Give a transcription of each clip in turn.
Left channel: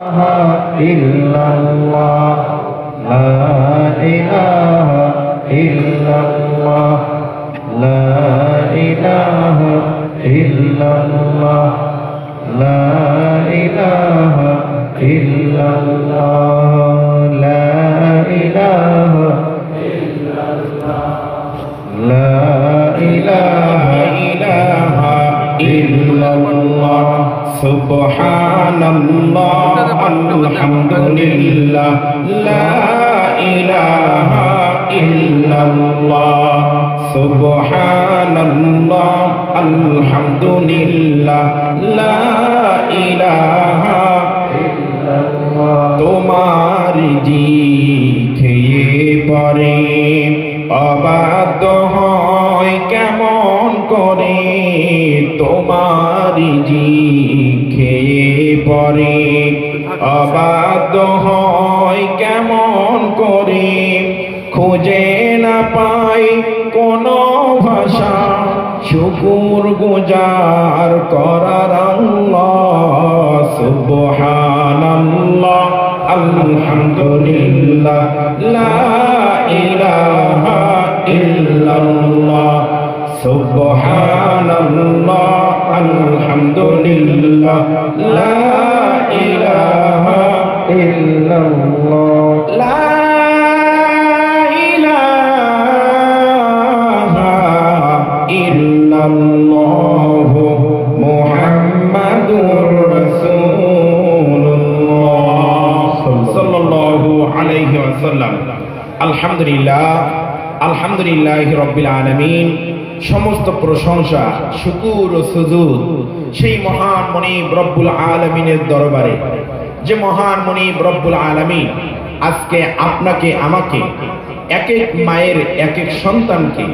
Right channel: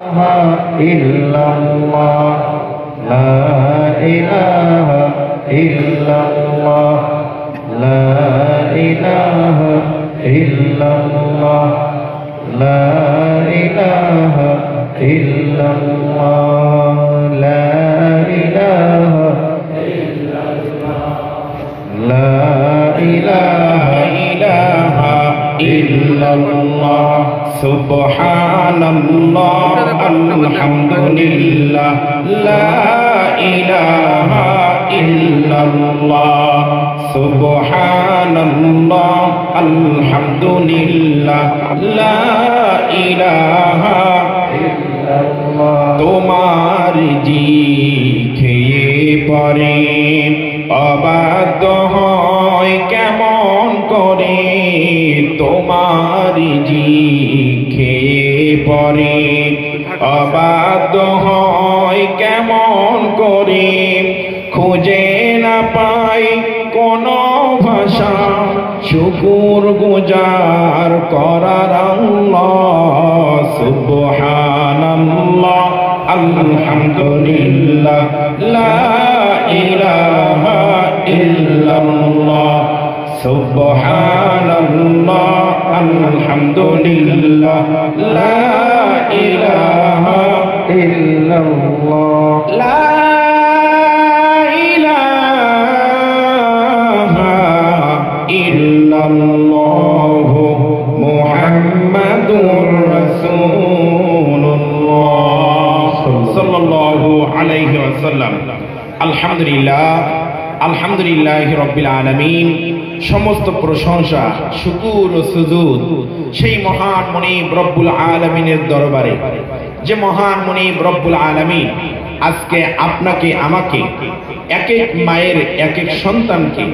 إلا الله لا إله إلا الله لا إله إلا الله لا إله إلا الله لا إله إلا الله لا إله إلا الله Subhanallah alhamdulillah la ilaha illallah Subhanallah alhamdulillah la ilaha illallah তোমার জিঠে পরে অবাধ্য হয় কেমন করে তোমার পরে অবাধ্য হয় কেমন করে খুঁজে না পাই কোন ভাষা শুকর গুজার করার আল্লাহ সুবহানাল্লাহ আলহামদুলিল্লাহ লা ইলাহা ইল্লাল্লাহ সুবহানাল্লাহ আলহামদুলিল্লাহ লা ইলাহা ইল্লাল্লাহ লা ইলাহা ইল্লাল্লাহ মুহাম্মাদুর রাসূলুল্লাহ সাল্লাল্লাহু আলাইহি ওয়াসাল্লাম আলহামদুলিল্লাহ আলহামদুলিল্লাহি রাব্বিল আলামিন সমস্ত প্রশংসা শুকর ও সুজুদ সেই মহান মুনিব রব্বুল আলামিনের দরবারে যে মহান মুনিব রব্বুল আলামিন আজকে আপনাকে আমাকে এক এক মায়ের এক এক সন্তানকে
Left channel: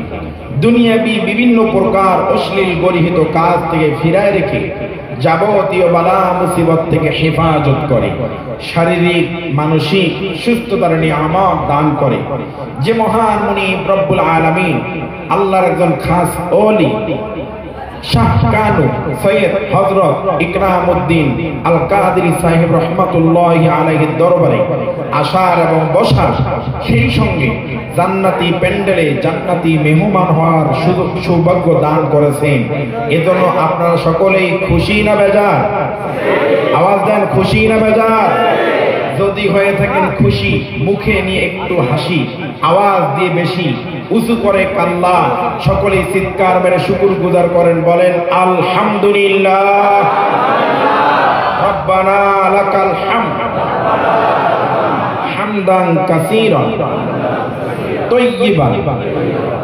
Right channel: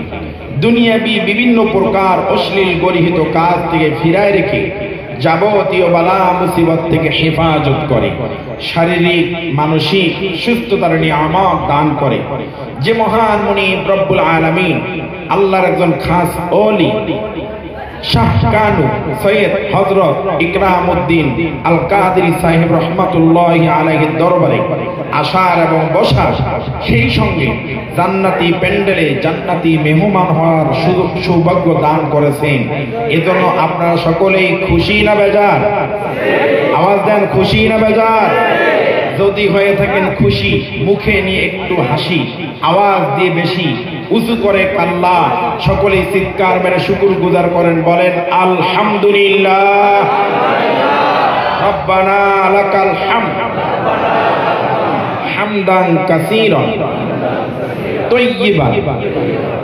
দুনিয়াবি বিভিন্ন প্রকার অশ্লীল গরিহিত কাজ থেকে ফিরায় রেখে যাবতীয় বালা মুসিবত থেকে হেফাজত করে শারীরিক মানসিক সুস্থতার নিয়ামত দান করে যে মহান মুনিব রব্বুল আলামিন আল্লাহর একজন খাস ওলি শাহ কানু সৈয়দ হযরত ইকরামউদ্দিন আল কাদেরী সাহেব রাহমাতুল্লাহি আলাইহির দরবারে আসার এবং বসার সেই সঙ্গে জান্নাতি প্যান্ডেলে জান্নাতি মেহমান হওয়ার সুযোগ সৌভাগ্য দান করেছেন এজন্য আপনারা সকলেই খুশি না বেজার? আওয়াজ দেন, খুশি না বেজার? যদি হয়ে থাকেন খুশি মুখে নিয়ে একটু হাসি আওয়াজ দিয়ে বেশি উঁচু করে কাল্লা সকলেই চিৎকার মেরে শুকর গুজার করেন, বলেন আলহামদুলিল্লাহ রব্বানা লাকাল হামদ হামদান কাসীরান তাইয়্যিবান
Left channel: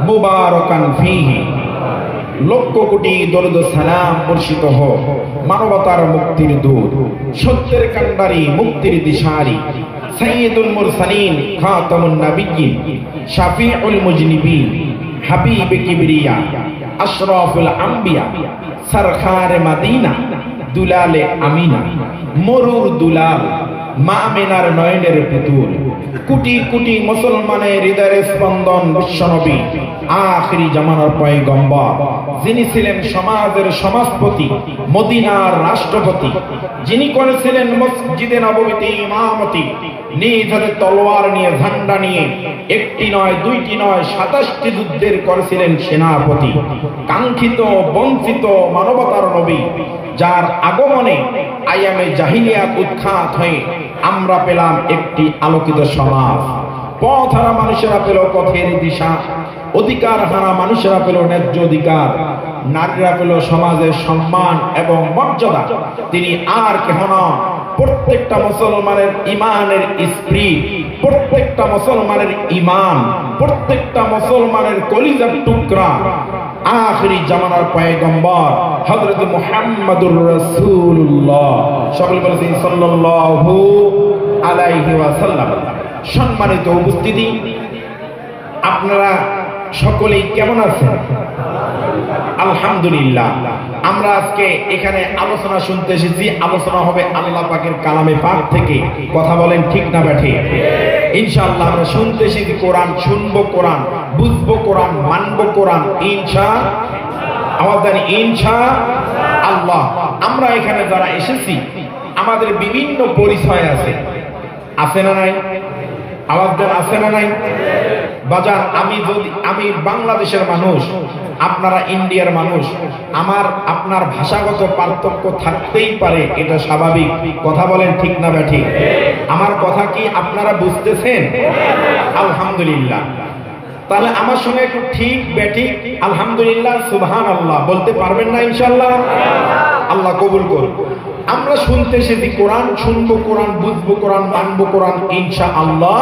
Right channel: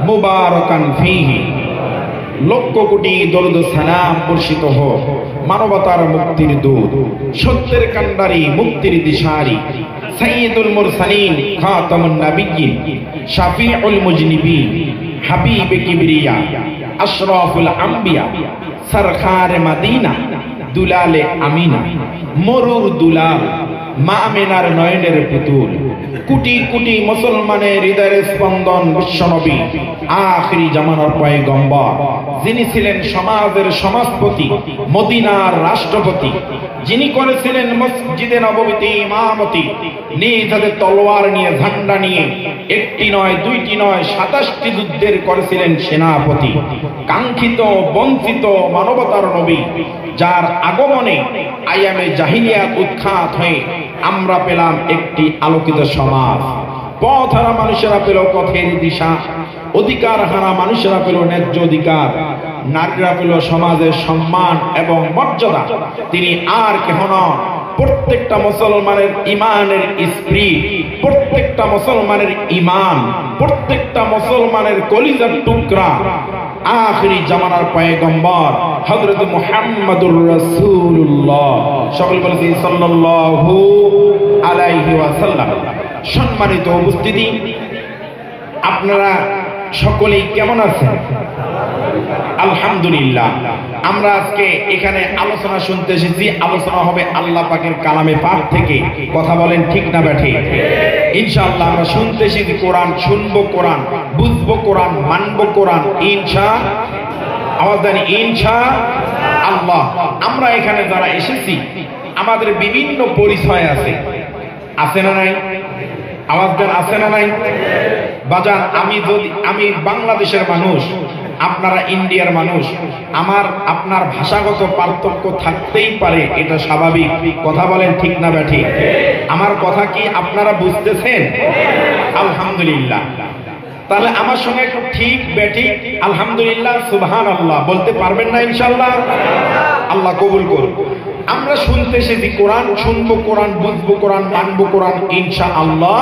মুবারাকান ফীহি লক্ষ কোটি দরুদ সালাম বর্ষিত হোক মানবতার মুক্তির দূত সত্যের কান্ডারি মুক্তির দিশারি সাইয়্যিদুল মুরসালিন খাতামুন নাবিয়্যিন শাফিউল মুজনিবিন হাবিবে কিবরিয়া আশরাফুল আম্বিয়া সরকারে মদিনা দুলালে আমিনা মরুর দুলাল মা আমিনার নয়নের পুতুল কোটি কোটি মুসলমানের হৃদয়ের স্পন্দন বিশ্বনবী আখিরি জামানার পয়গম্বর যিনি ছিলেন সমাজের সমাজপতি মদিনার রাষ্ট্রপতি যিনি করেছিলেন মসজিদে নববীতে ইমামতি নিজ হাতে তলোয়ার নিয়ে ঝান্ডা নিয়ে একটি নয় দুইটি নয় ২৭টি যুদ্ধের করেছিলেন সেনাপতি কাঙ্ক্ষিত বঞ্চিত মানবতার নবী যার আগমনে আয়ামে জাহিলিয়াত উৎখাত হয়ে আমরা পেলাম একটি আলোকিত সমাজ পথ হারা মানুষেরা পেল পথের দিশা অধিকার হারা মানুষেরা পেল ন্যায্য অধিকার নারীরা পেল সমাজের সম্মান এবং মর্যাদা তিনি আর কেহ নন প্রত্যেকটা মুসলমানের ইমানের স্পিরিট প্রত্যেকটা মুসলমানের ইমান প্রত্যেকটা মুসলমানের কলিজার টুকরা আখিরি জামানার পয়গম্বর হযরত মুহাম্মদুর রাসূলুল্লাহ সকলে বলেন সাল্লাল্লাহু আলাইহি ওয়াসাল্লাম। সম্মানিত উপস্থিতি, আপনারা সকলেই কেমন আছেন? আলহামদুলিল্লাহ। আমরা আজকে এখানে আলোচনা শুনতে এসেছি, আলোচনা হবে আল্লাহ পাকের কালামে পাক থেকে। কথা বলেন ঠিক না ব্যাঠি? ইনশাআল্লাহ আমরা শুনতে এসেছি কোরআন, শুনবো কোরআন, বুঝবো কোরআন, মানবো কোরআন ইনশাআল্লাহ। আওয়াজ দেন ইনশাআল্লাহ। আমরা এখানে যারা এসেছি আমাদের বিভিন্ন পরিচয় আছে, আছে না নাই? আওয়াজ দেন, আছে না নাই? বাজার, আমি বাংলাদেশের মানুষ, আপনারা ইন্ডিয়ার মানুষ, আপনার ভাষাগত পার্থক্য থাকতেই পারে, এটা স্বাভাবিক। কথা বলেন ঠিক না ব্যাঠিক? আমার কথা কি আপনারা বুঝতেছেন? আলহামদুলিল্লাহ। তাহলে আমার সঙ্গে একটু ঠিক ব্যাঠিক আলহামদুলিল্লাহ সুবহানাল্লাহ বলতে পারবেন না ইনশাআল্লাহ? আল্লাহ কবুল করুন। আমরা শুনতে এসেছি কোরআন, শুনবো কোরআন, বুঝবো কোরআন, মানবো কোরআন ইনশাআল্লাহ।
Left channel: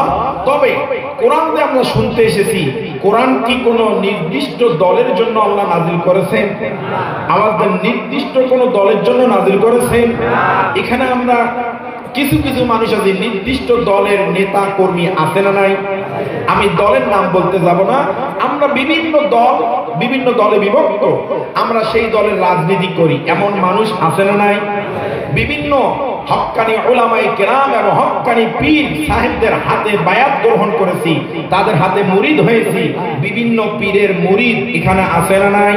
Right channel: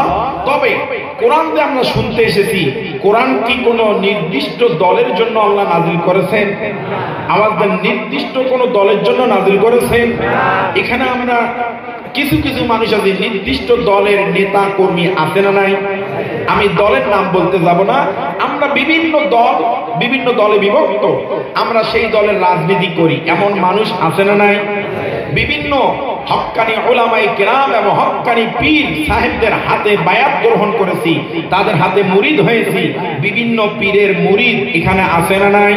তবে কোরআন যে আমরা শুনতে এসেছি, কোরআন কি কোনো নির্দিষ্ট দলের জন্য আল্লাহ নাজিল করেছেন? আমাদের নির্দিষ্ট কোনো দলের জন্য নাজিল করেছেন? এখানে আমরা কিছু কিছু মানুষ আছে, নির্দিষ্ট দলের নেতা কর্মী আছে না নাই? আমি দলের নাম বলতে যাব না। আমরা বিভিন্ন দলে বিভক্ত, আমরা সেই দলের রাজনীতি করি, এমন মানুষ আছে না নাই? বিভিন্ন হক্কানি উলামায়ে কেরাম এবং হক্কানি পীর সাহেবদের হাতে বায়াত গ্রহণ করেছি, তাদের হাতে মুরিদ হয়েছি। বিভিন্ন পীরের মুরিদ এখানে আছে না নাই?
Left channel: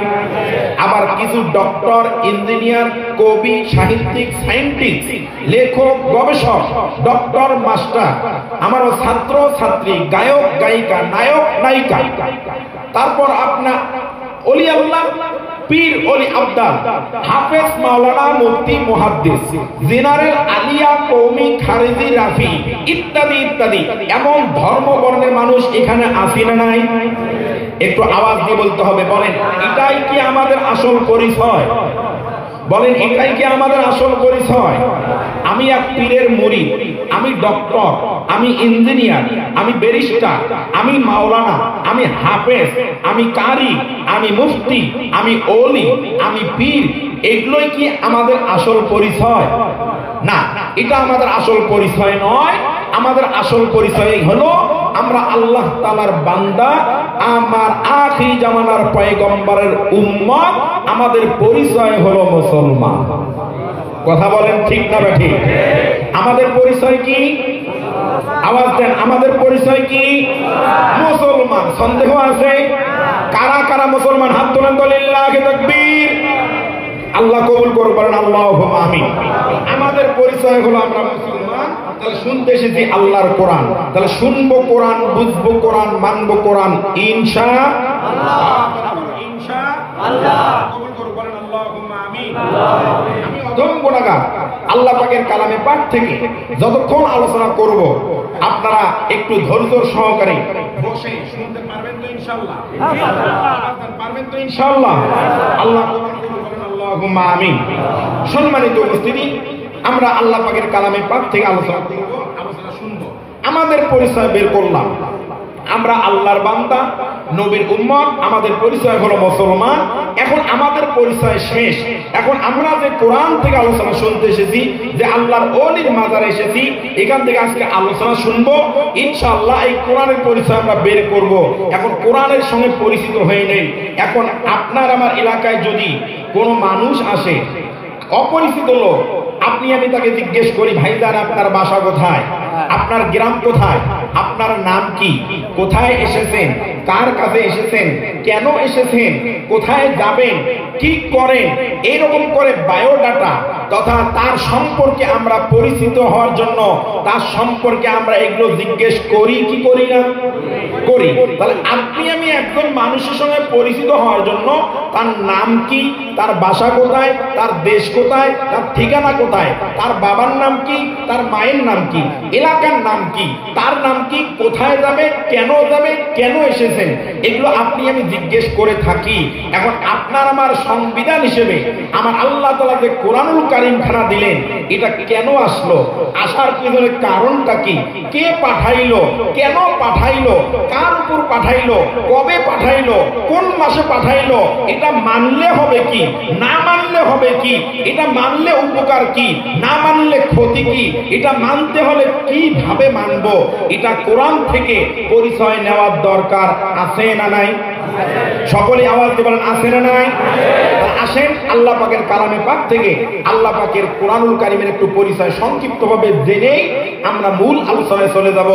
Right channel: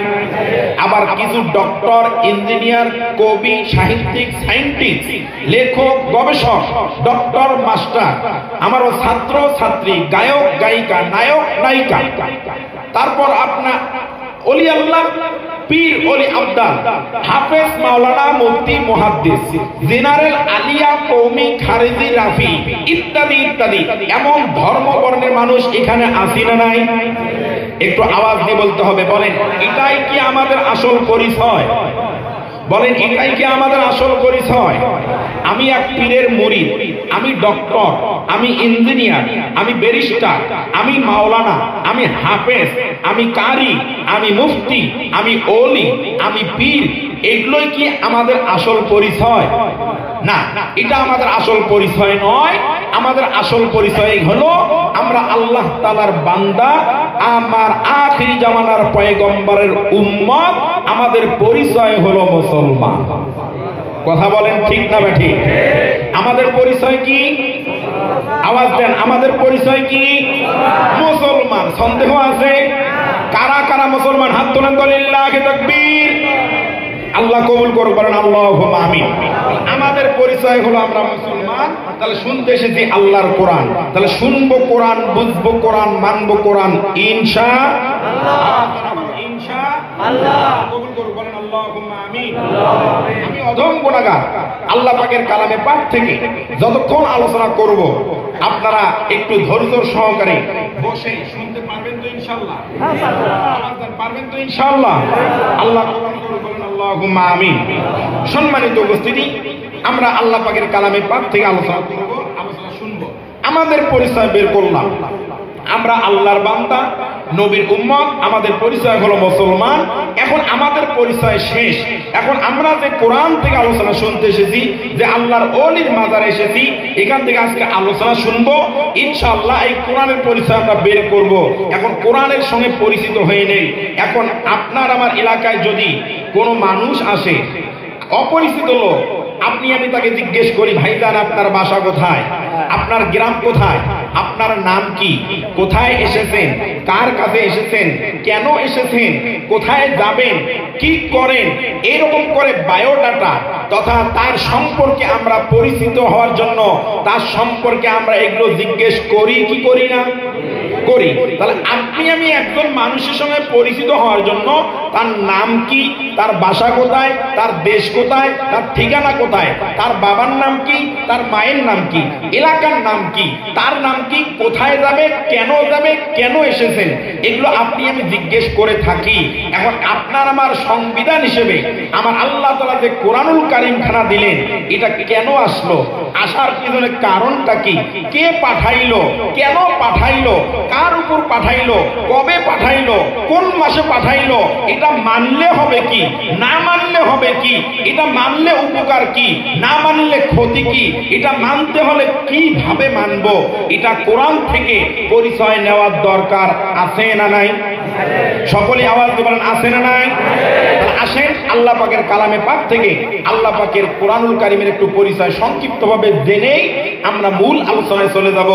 আবার কিছু ডক্টর, ইঞ্জিনিয়ার, কবি, সাহিত্যিক, সায়েন্টিস্ট, লেখক, গবেষক, ডক্টর, মাস্টার, আমার ছাত্র ছাত্রী, গায়ক গায়িকা, নায়ক নায়িকা, তারপর আপনার ওলি আল্লাহ, পীর ওলি আব্দাল, হাফেজ, মাওলানা, মুফতি, মুহাদ্দিস, জেনারেল, আলিয়া, কওমি, খারিজি, রাফি ইত্যাদি ইত্যাদি, এমন ধর্ম বর্ণের মানুষ এখানে আছে না নাই? একটু আওয়াজ দিয়ে বলতে হবে। বলেন, এটাই কি আমাদের আসল পরিচয়? বলেন, এটাই কি আমাদের আসল পরিচয়? আমি এক পীরের মুরিদ, আমি ডক্টর, আমি ইঞ্জিনিয়ার, আমি ব্যারিস্টার, আমি মাওলানা, আমি হাফেজ, আমি কারি, আমি মুফতি, আমি ওলি, আমি পীর, এগুলোই কি আমাদের আসল পরিচয়? না, এটা আমাদের আসল পরিচয় নয়। আমাদের আসল পরিচয় হলো আমরা আল্লাহ তাআলার বান্দা, আমার আখির জামানার পয়গম্বরের উম্মত। আমাদের পরিচয় হলো মুসলমান। কথা বলেন ঠিক না বেঠিক? আমাদের পরিচয় কি? আওয়াজ দেন, আমাদের পরিচয় কি? মুসলমান। সন্দেহ আছে? কারা কারা মুসলমান হাত তোলেন, লিল্লাহি তাকবীর। আল্লাহ কবুল করুন, বলেন আল্লাহুম্মা আমিন। আমাদের পরিচয় হলো আমরা মুসলমান। তাহলে শুনতে এসেছি আল্লাহর কোরআন, তাহলে শুনবো কোরআন, বুঝবো কোরআন, মানবো কোরআন ইনশাআল্লাহ। ইনশাআল্লাহ কবুল করুন, বলেন আল্লাহুম্মা আমিন। আমি অধম গুনাহগার, আল্লাহ পাকের কালামে পাক থেকে যতক্ষণ আলোচনা করব আপনারা একটু ধৈর্য সহকারে বসে শুনতে পারবেন তো ইনশাআল্লাহ? পারবেন তো ইনশাআল্লাহ? আল্লাহ কবুল করুন, বলেন আল্লাহুম্মা আমিন। সম্মানিত উপস্থিতি, আমরা আল্লাহ পাকের কালামে পাক থেকে আলোচনা করব, আলোচনা শুনবো। আমাদের পরিচয় বের করলাম, আমরা আল্লাহর বান্দা, নবীর উম্মত, আমাদের পরিচয় হলো মুসলমান। এখন আমাদের পরিচয় শেষ। এখন আমরা যে কোরআন থেকে আলোচনা শুনতে এসেছি, যে আল্লাহর ওলির মাজারে এসেছি, এখান থেকে আজকে আলোচনা শুনবো ইনশাআল্লাহ। এই কোরআনের পরিচয় আমরা বের করব। এখন কোরআনের সঙ্গে পরিচিত হয়ে নেই। এখন আপনার আমার এলাকায় যদি কোনো মানুষ আসে, অপরিচিত লোক, আপনি আমি তাকে জিজ্ঞেস করি, ভাইজান আপনার বাসা কোথায়, আপনার গ্রাম কোথায়, আপনার নাম কি, কোথায় এসেছেন, কার কাছে এসেছেন, কেন এসেছেন, কোথায় যাবেন, কি করেন, এরকম করে বায়োডাটা তথা তার সম্পর্কে আমরা পরিচিত হওয়ার জন্য তার সম্পর্কে আমরা এগুলো জিজ্ঞেস করি কি করি না? করি। তাহলে আপনি আমি একজন মানুষের সঙ্গে পরিচিত হওয়ার জন্য তার নাম কি, তার বাসা কোথায়, তার দেশ কোথায়, তার ঠিকানা কোথায়, তার বাবার নাম কি, তার মায়ের নাম কি, এলাকার নাম কি, তার নাম কি, কোথায় যাবে, কেন এসেছেন, এগুলো আপনি আমি জিজ্ঞেস করে থাকি। এখন আপনার আমার সংবিধান হিসেবে আমার আল্লাহ তাআলা যে কোরআনুল কারীম খানা দিলেন, এটা কেন আসলো, আসার পিছনে কারণটা কি, কে পাঠাইলো, কেন পাঠাইলো, কার উপর পাঠাইলো, কবে পাঠাইলো, কোন মাসে পাঠাইলো, এটা মানলে হবে কি, না মানলে হবে কি, এটা মানলে উপকার কি, না মানলে ক্ষতি কি, এটা মানতে হলে কিভাবে মানবো, এটা কোরআন থেকে পরিচয় নেওয়ার দরকার আছে না নাই? সকলে আওয়াজ দিয়ে বলেন আছে না নাই? আসেন আল্লাহ পাকের কালামে পাক থেকে আল্লাহ পাকের কোরআনুল কারীমের একটু পরিচয় সংক্ষিপ্তভাবে জেনেই আমরা মূল আলোচনায় চলে যাব।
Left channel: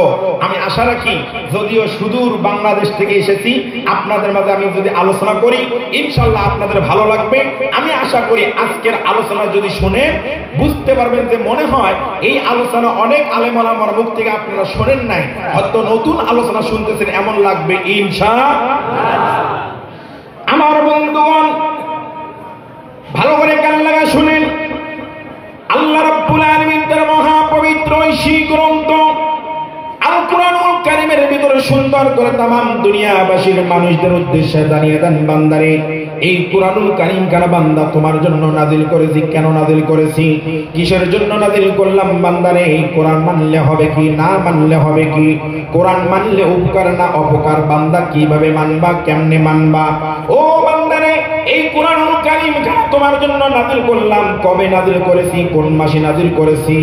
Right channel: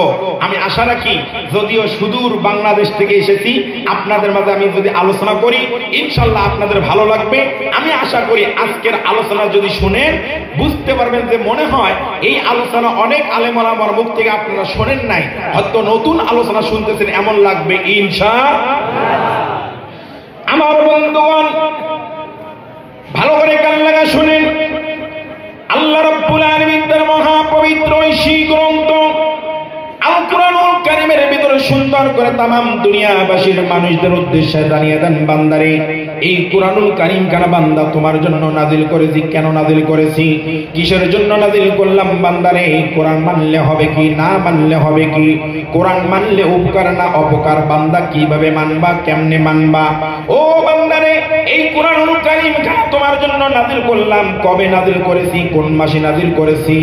আমি আশা রাখি, যদিও সুদূর বাংলাদেশ থেকে এসেছি, আপনাদের মাঝে আমি যদি আলোচনা করি ইনশাআল্লাহ আপনাদের ভালো লাগবে। আমি আশা করি আজকের আলোচনা যদি শুনেন বুঝতে পারবেন যে মনে হয় এই আলোচনা অনেক আলেম ওলামার মুখ থেকে আপনারা শোনেন নাই, হয়তো নতুন আলোচনা শুনতেছেন এমন লাগবে ইনশাআল্লাহ। আমার বন্ধুগণ ভালো করে কান লাগা শুনেন, আল্লাহ রাব্বুল আলামিন তার মহা পবিত্র এই গ্রন্থ আল কুরআনুল কারীমের ভিতরে সুন্দর করে তামাম দুনিয়াবাসীর মানুষদের উদ্দেশ্যে জানিয়ে দেন, বান্দারে এই কুরআনুল কারীম কানা বান্দা তোমার জন্য নাযিল করেছি। কেন নাযিল করেছি, কিসের জন্য নাযিল করলাম? বান্দারে এই কোরআন মানলে হবে কি, না মানলে হবে কি? কোরআন মানলে উপকার না অপকার? বান্দা কিভাবে মানবা, কেমনে মানবা? ও বান্দারে এই কুরআনুল কারীম তোমার জন্য নাযিল করলাম। কবে নাযিল করেছি, কোন মাসে নাযিল করেছি?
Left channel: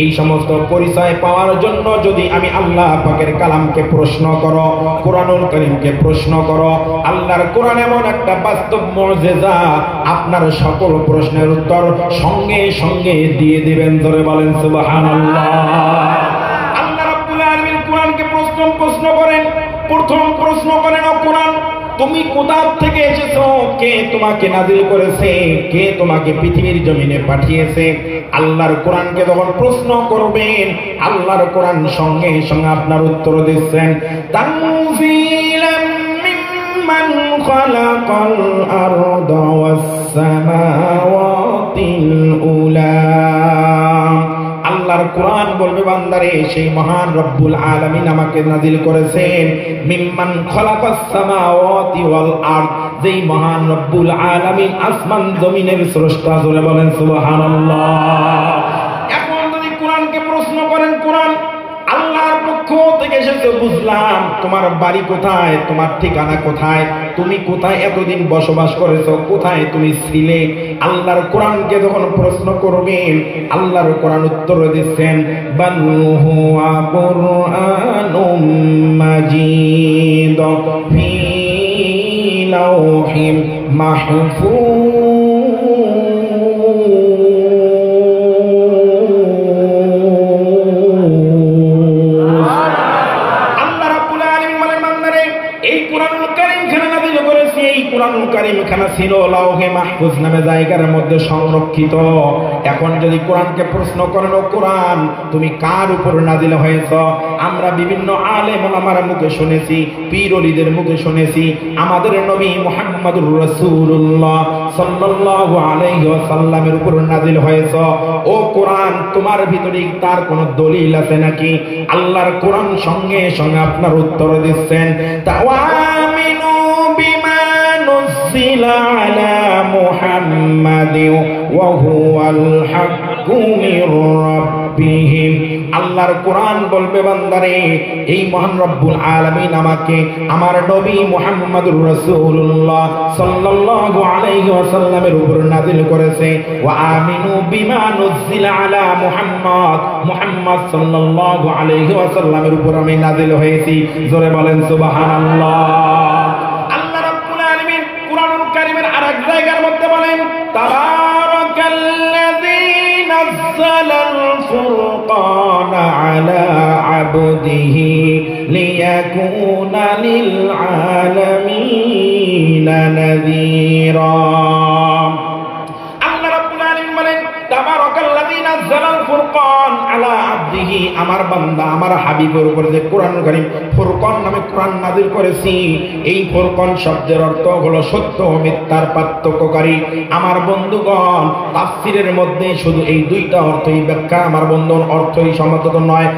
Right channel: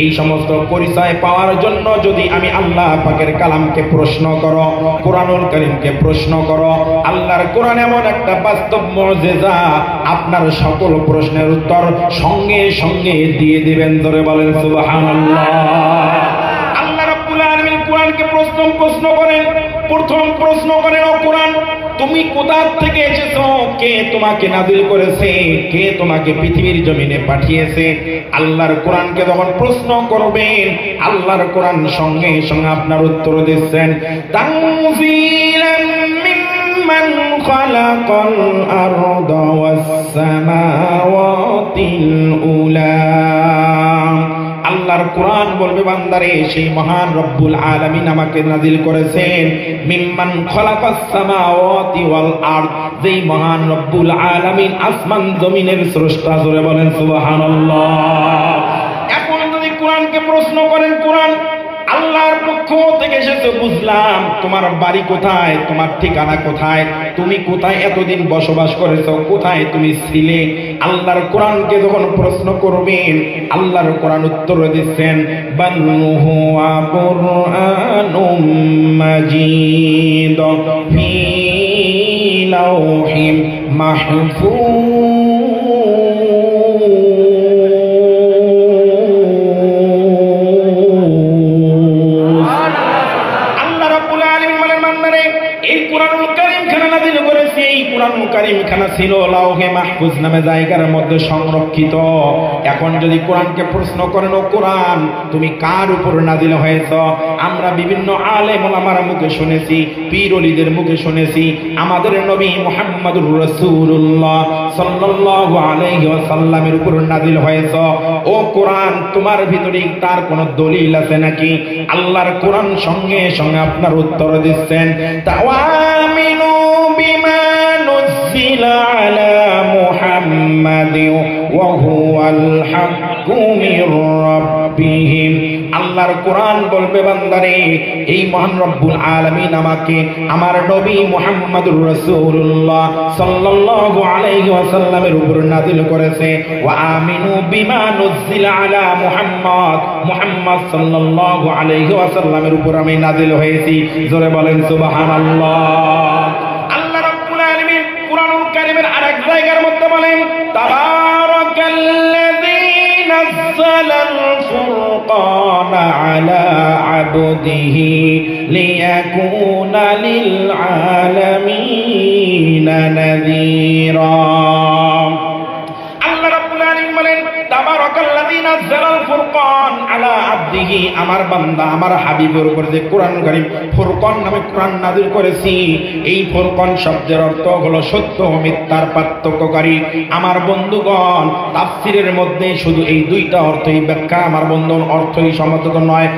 এই সমস্ত পরিচয় পাওয়ার জন্য যদি আমি আল্লাহ পাকের কালামকে প্রশ্ন করো, কুরআনুল কারীমকে প্রশ্ন করো, আল্লাহর কোরআন এমন একটা বাস্তব মুজিজা, আপনার সকল প্রশ্নের উত্তর সঙ্গে সঙ্গে দিয়ে দিবেন। ধরে বলেন সুবহানাল্লাহ। আল্লাহ রাব্বুল আলামিন কোরআনকে প্রশ্ন করেন, প্রথম প্রশ্ন করেন, ও কোরআন তুমি কোথা থেকে এসেছো? কে তোমাকে নাযিল করেছে? কে তোমাকে পৃথিবীর জমিনে পাঠিয়েছে? আল্লাহর কোরআনকে যখন প্রশ্ন করবেন, আল্লাহর কোরআন সঙ্গে সঙ্গে আপনার উত্তর দিচ্ছেন, তানজিলাম মিম্মান খালাকাল আরদা ওয়াস সামাওয়াতিল উলা। আল্লাহর কোরআন বলবে, বান্দারে সেই মহান রব্বুল আলামিন আমাকে নাযিল করেছেন মিম্মান খালাকাস সামাওয়াতি ওয়াল আরদ, যেই মহান রব্বুল আলামিন আসমান জমিনের স্রষ্টা। জোরে বলেন সুবহানাল্লাহ। এখন যদি কোরআনকে প্রশ্ন করেন, কোরআন আল্লাহর পক্ষ থেকে এসেছে, বুঝলাম তোমার বাড়ি কোথায়, তোমার ঠিকানা কোথায়, তুমি কোথায় এতদিন বসবাস করেছো, কোথায় তুমি ছিলে? আল্লাহর কোরআনকে যখন প্রশ্ন করবেন, আল্লাহর কোরআন উত্তর দিচ্ছেন, বাল হুয়া কুরআনুম মাজিদ ফি লাওহিম মাহফুজ। ছিল লাওহে মাহফুজ নামে জায়গার মধ্যে সংরক্ষিত। এখন যদি কোরআনকে প্রশ্ন করেন, ও কোরআন তুমি কার উপর নাযিল হয়েছ? আমরা বিভিন্ন আলেম ওলামার মুখে শুনেছি, পীর ওলিদের মুখে শুনেছি আমাদের নবী মুহাম্মদুর রাসূলুল্লাহ সাল্লাল্লাহু আলাইহি ওয়াসাল্লামের উপর নাযিল হয়েছ। ও কোরআন তোমার ভিতরে তার কোন দলিল আছে নাকি? আল্লাহর কোরআন সঙ্গে সঙ্গে আপনার উত্তর দিচ্ছেন, তাওয়ামিনু বিমা নুজিলা আলা মুহাম্মাদিন ওয়া হুয়াল হাক্কু মির রাব্বিহিম। আল্লাহর কোরআন বলবে, বান্দারে এই মহান রব্বুল আলামিন আমাকে আমার নবী মুহাম্মদুর রাসূলুল্লাহ সাল্লাল্লাহু আলাইহি ওয়াসাল্লামের উপর নাযিল করেছে। ওয়া আমিনু বিমা নুজিলা আলা মুহাম্মদ, মুহাম্মদ সাল্লাল্লাহু আলাইহি ওয়াসাল্লামের উপর আমি নাযিল হয়েছি। জোরে বলেন সুবহানাল্লাহ। আল্লাহ রাব্বুল আলামিন কুরআনুল কারীমের আরেক জায়গার মধ্যে বলেন, তাবারাকাল্লাযী নাযালাল ফুরকানা আলা আবদিহি লিয়াকুনা লিল আলামিনা নাযীরা। আল্লাহ রাব্বুল আলামিন বলেন, তাবারাকাল্লাযী নাযালাল ফুরকান আলা আবদিহি, আমার বান্দা আমার হাবিবের উপর যে কোরআন কারীম ফুরকান নামে কোরআন নাযিল করেছি। এই ফুরকান শব্দের অর্থ হলো সত্য ও মিথ্যার পার্থক্যকারী। আমার বন্ধুগণ, তাফসীরের মধ্যে শুধু এই দুইটা অর্থই ব্যাখ্যা, আমার বন্ধুগণ অর্থই সমর্থক নয়।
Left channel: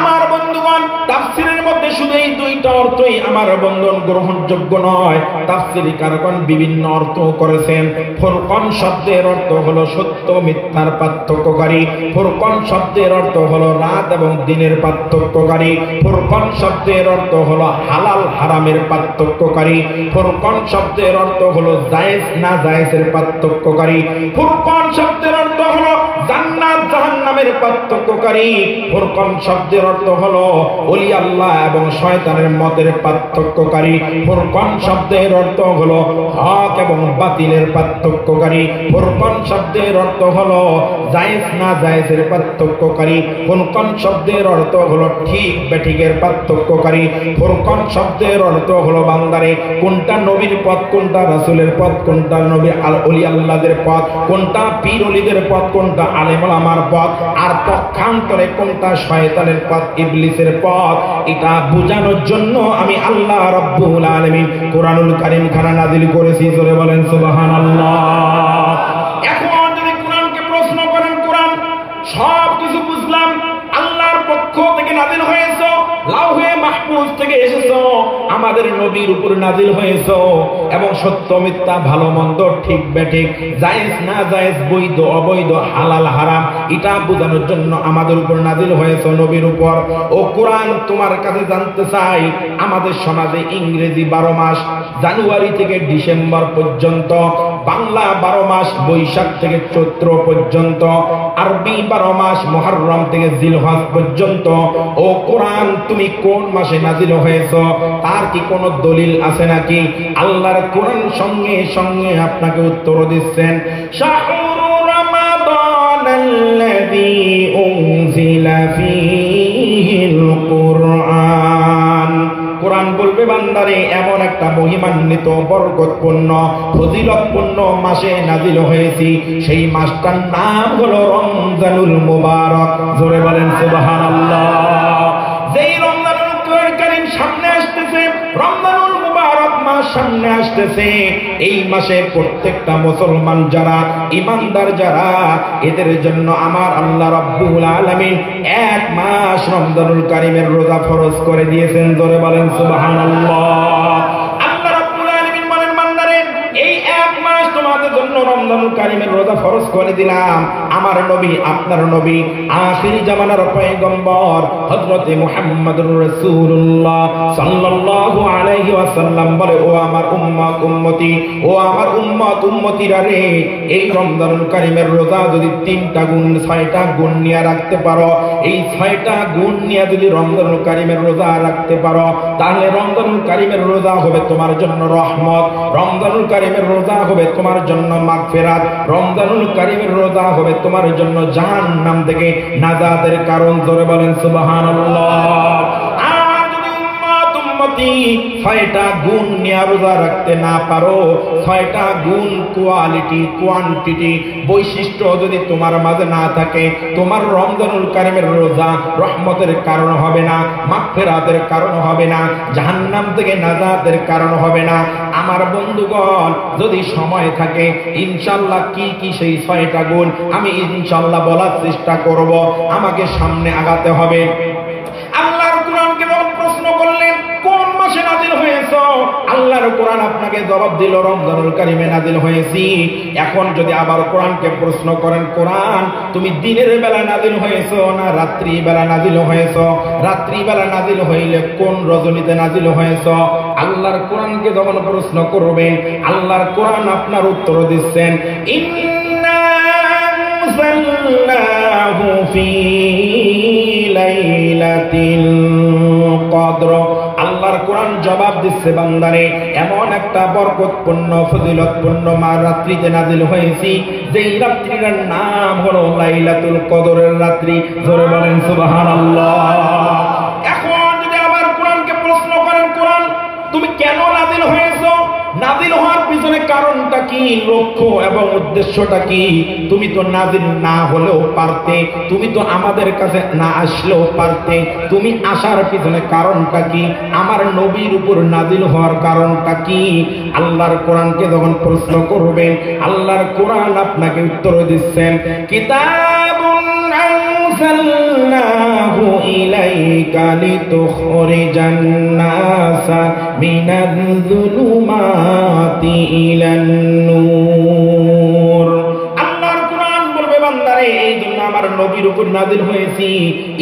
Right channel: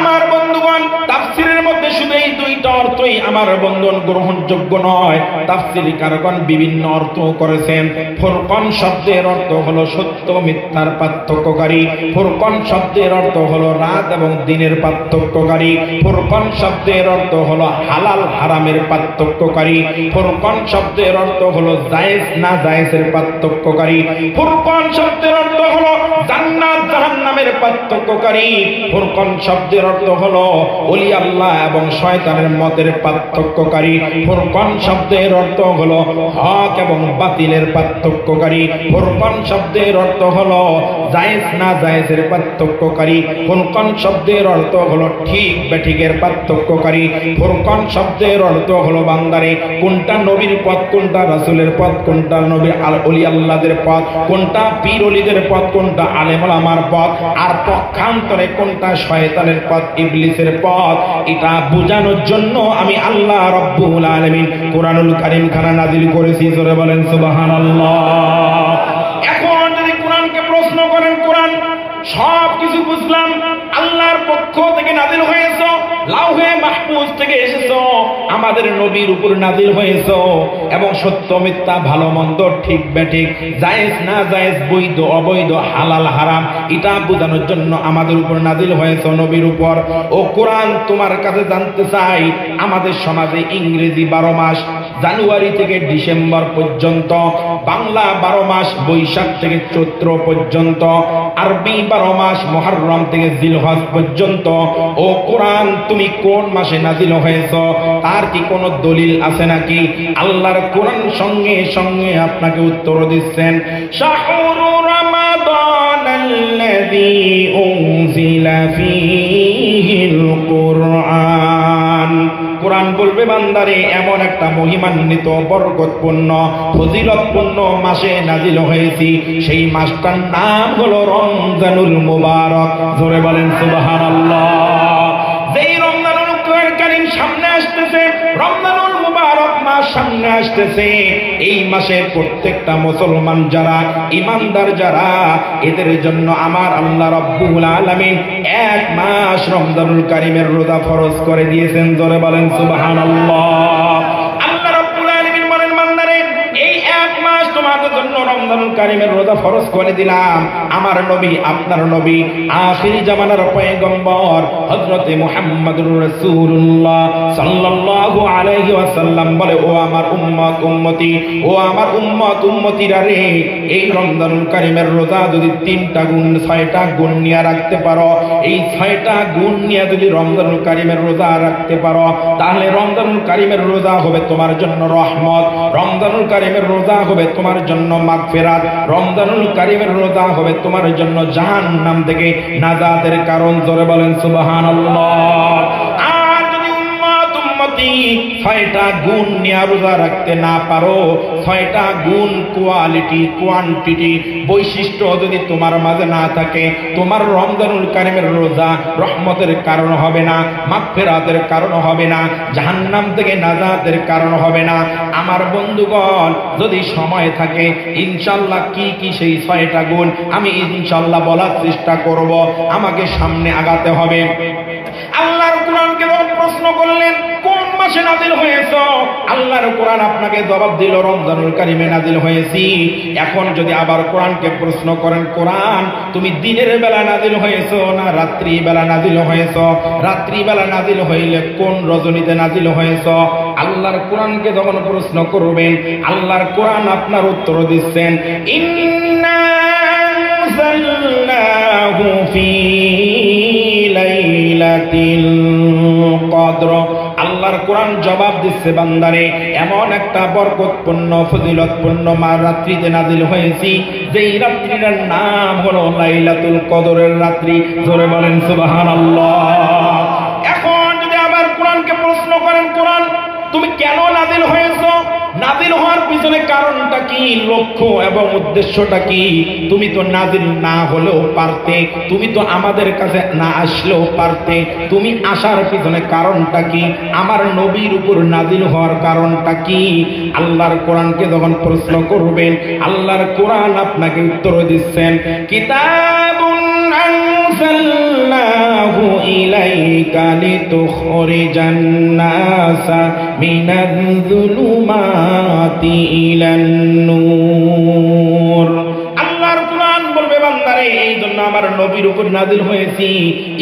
আমার বন্ধুগণ, তাফসীরের মধ্যে শুধু এই দুইটা অর্থই আমার বন্ধন গ্রহণযোগ্য নয়। তাফসীরকারগণ বিভিন্ন অর্থ করেছেন। ফুরকান শব্দের অর্থ হলো সত্য মিথ্যার পার্থক্যকারী। ফুরকান শব্দের অর্থ হলো রাত এবং দিনের পার্থক্যকারী। ফুরকান শব্দের অর্থ হলো হালাল হারামের পার্থক্যকারী। ফুরকান শব্দের অর্থ হলো জায়েজ না জায়েজের পার্থক্যকারী। ফুরকান শব্দের অর্থ হলো জান্নাত জাহান্নাম নামের পার্থক্যকারী। ফুরকান শব্দের অর্থ হলো ওলি আল্লাহ এবং শয়তানের মতের পার্থক্যকারী। ফুরকান শব্দের অর্থ হলো হক এবং বাতিলের পার্থক্যকারী। ফুরকান শব্দের অর্থ হলো জায়েজ না জায়েজের পার্থক্যকারী। ফুরকান শব্দের অর্থ হলো ঠিক বেঠিকের পার্থক্যকারী। ফুরকান শব্দের অর্থ হলো বান্দারে কোনটা নবীর পথ, কোনটা রাসূলের পথ, কোনটা নবী ওলি আল্লাহদের পথ, কোনটা পীর ওলিদের পথ, কোনটা আলেম ওলামার পথ, আর পক্ষান্তরে কোনটা শয়তানের পথ, ইবলিসের পথ। এটা বোঝানোর জন্য আমি আল্লাহ রাব্বুল আলামিন কোরআনুল কারীম খানা নাযিল করেছি। জোরে বলেন সুবহানাল্লাহ। এখন যদি কোরআনকে প্রশ্ন করেন, কোরআন সব কিছু বুঝলাম, আল্লাহর পক্ষ থেকে নাযিল হয়েছে, লাউহে মাহফুজ থেকে এসেছো, আমাদের নবীর উপর নাযিল হয়েছে, এবং সত্য মিথ্যা ভালো মন্দ ঠিক বেঠিক জায়েজ না জায়েজ বৈধ অবৈধ হালাল হারাম এটা বোঝানোর জন্য আমাদের উপর নাযিল হয়েছে, নবীর উপর। ও কোরআন, তোমার কাছে জানতে চাই, আমাদের সমাজে ইংরেজি 12 মাস জানুয়ারি থেকে ডিসেম্বর পর্যন্ত, বাংলা 12 মাস বৈশাখ থেকে চৈত্র পর্যন্ত, আরবি 12 মাস মুহররম থেকে জিলহজ পর্যন্ত। ও কোরআন, তুমি কোন মাসে নাযিল হয়েছো তার কি কোনো দলিল আছে নাকি? আল্লাহর কোরআন সঙ্গে সঙ্গে আপনাকে উত্তর দিচ্ছেন, শাহরু রমাদানাল্লাযী উনজিলা ফীহিল কুরআন। কোরআন বলবে, বান্দারে এমন একটা মহিমান্বিত বরকতপূর্ণ ফজিলতপূর্ণ মাসে নাযিল হয়েছি, সেই মাসটার নাম হলো রমজানুল মুবারক। জোরে বলেন সুবহানাল্লাহ। যেই রমজানুল কারীম সামনে আসতেছে, রমজানুল মুবারক মাস সামনে আসতেছে, এই মাসে প্রত্যেকটা মুসলমান যারা ঈমানদার যারা, এদের জন্য আমার আল্লাহ রাব্বুল আলামিন 1 মাস রমজানুল কারীমের রোজা ফরজ করে দিয়েছেন। জোরে বলেন সুবহানাল্লাহ। আল্লাহ রাব্বুল আলামিন বলেন, বান্দারে এই 1 মাস তোমাদের জন্য রমজানুল কারীমের রোজা ফরজ করে দিলাম। আমার নবী, আপনার নবী, আখিরি জামানার পয়গম্বর হযরত মুহাম্মদুর রাসূলুল্লাহ সাল্লাল্লাহু আলাইহি ওয়াসাল্লাম বলে, ও আমার উম্মত উম্মতি, ও আমার উম্মত উম্মতিরা রে, এই রমজানুল কারীমের রোজা যদি 3টা গুণ 6টা গুণ নিয়ে রাখতে পারো, এই 6টা গুণ নিয়ে যদি রমজানুল কারীমের রোজা রাখতে পারো, তাহলে রমজানুল কারীমের রোজা হবে তোমার জন্য রহমত, রমজানুল কারীমের রোজা হবে তোমার জন্য মাগফিরাত, রমজানুল কারীমের রোজা হবে তোমার জন্য জাহান্নাম থেকে নাজাতের কারণ। জোরে বলেন সুবহানাল্লাহ। আর যদি উম্মত উম্মতি 6টা গুণ নিয়ে রোজা রাখতে না পারো, 6টা গুণ কোয়ালিটি কোয়ান্টিটি বৈশিষ্ট্য যদি তোমার মাঝে না থাকে, তোমার রমজানুল কারীমের রোজা রহমতের কারণ হবে না, মাগফিরাতের কারণ হবে না, জাহান্নাম থেকে নাজাতের কারণ হবে না। আমার বন্ধুগণ, যদি সময় থাকে ইনশাআল্লাহ কি কি সেই 6টা গুণ আমি ইনশাআল্লাহ বলার চেষ্টা করব। আমাকে সামনে আগাতে হবে। আল্লাহর কোরআনকে প্রশ্ন করলেন, কোন মাসে নাযিল হয়েছে? আল্লাহর কোরআন আপনাকে জবাব দিল, রমজানুল কারীমে নাযিল হয়েছি। এখন যদি আবার কোরআনকে প্রশ্ন করেন, কোরআন তুমি দিনের বেলা নাযিল হয়েছো না রাত্রি বেলা নাযিল হয়েছো? রাত্রি বেলা নাযিল হইলে কোন রজনীতে নাযিল হয়েছো? আল্লাহর কোরআনকে যখন প্রশ্ন করবেন, আল্লাহর কোরআন আপনার উত্তর দিচ্ছেন, ইন্না আনজালনাহু ফী লাইলাতিল কদর। আল্লাহর কোরআন জবাব দিচ্ছে, বান্দারে এমন একটা বরকতপূর্ণ ফজিলতপূর্ণ রাত্রিতে নাযিল হয়েছি, যেই রাত্রিটার নাম হলো লাইলাতুল কদরের রাত্রি। জোরে বলেন সুবহানাল্লাহ। এখন যদি আবার কোরআনকে প্রশ্ন করেন, কোরআন তুমি কেন নাযিল হয়েছো? নাযিল হওয়ার পিছনে কারণটা কি, লক্ষ্য এবং উদ্দেশ্যটা কি? তুমি তো নাযিল না হলেও পারতে, তুমি তো আমাদের কাছে না আসলেও পারতে, তুমি আসার পিছনে কারণটা কি? আমার নবীর উপর নাযিল হওয়ার কারণটা কি? আল্লাহর কোরআনকে যখন প্রশ্ন করবেন, আল্লাহর কোরআন আপনাকে উত্তর দিচ্ছেন, কিতাবুন আনজালনাহু ইলাইকা লিতুখরিজান নাসা মিনায-যুলুমাতি ইলান-নূর। আল্লাহর কোরআন বলবে, বান্দারে এই জন্য আমার নবীর উপর নাযিল নাযিল হয়েছি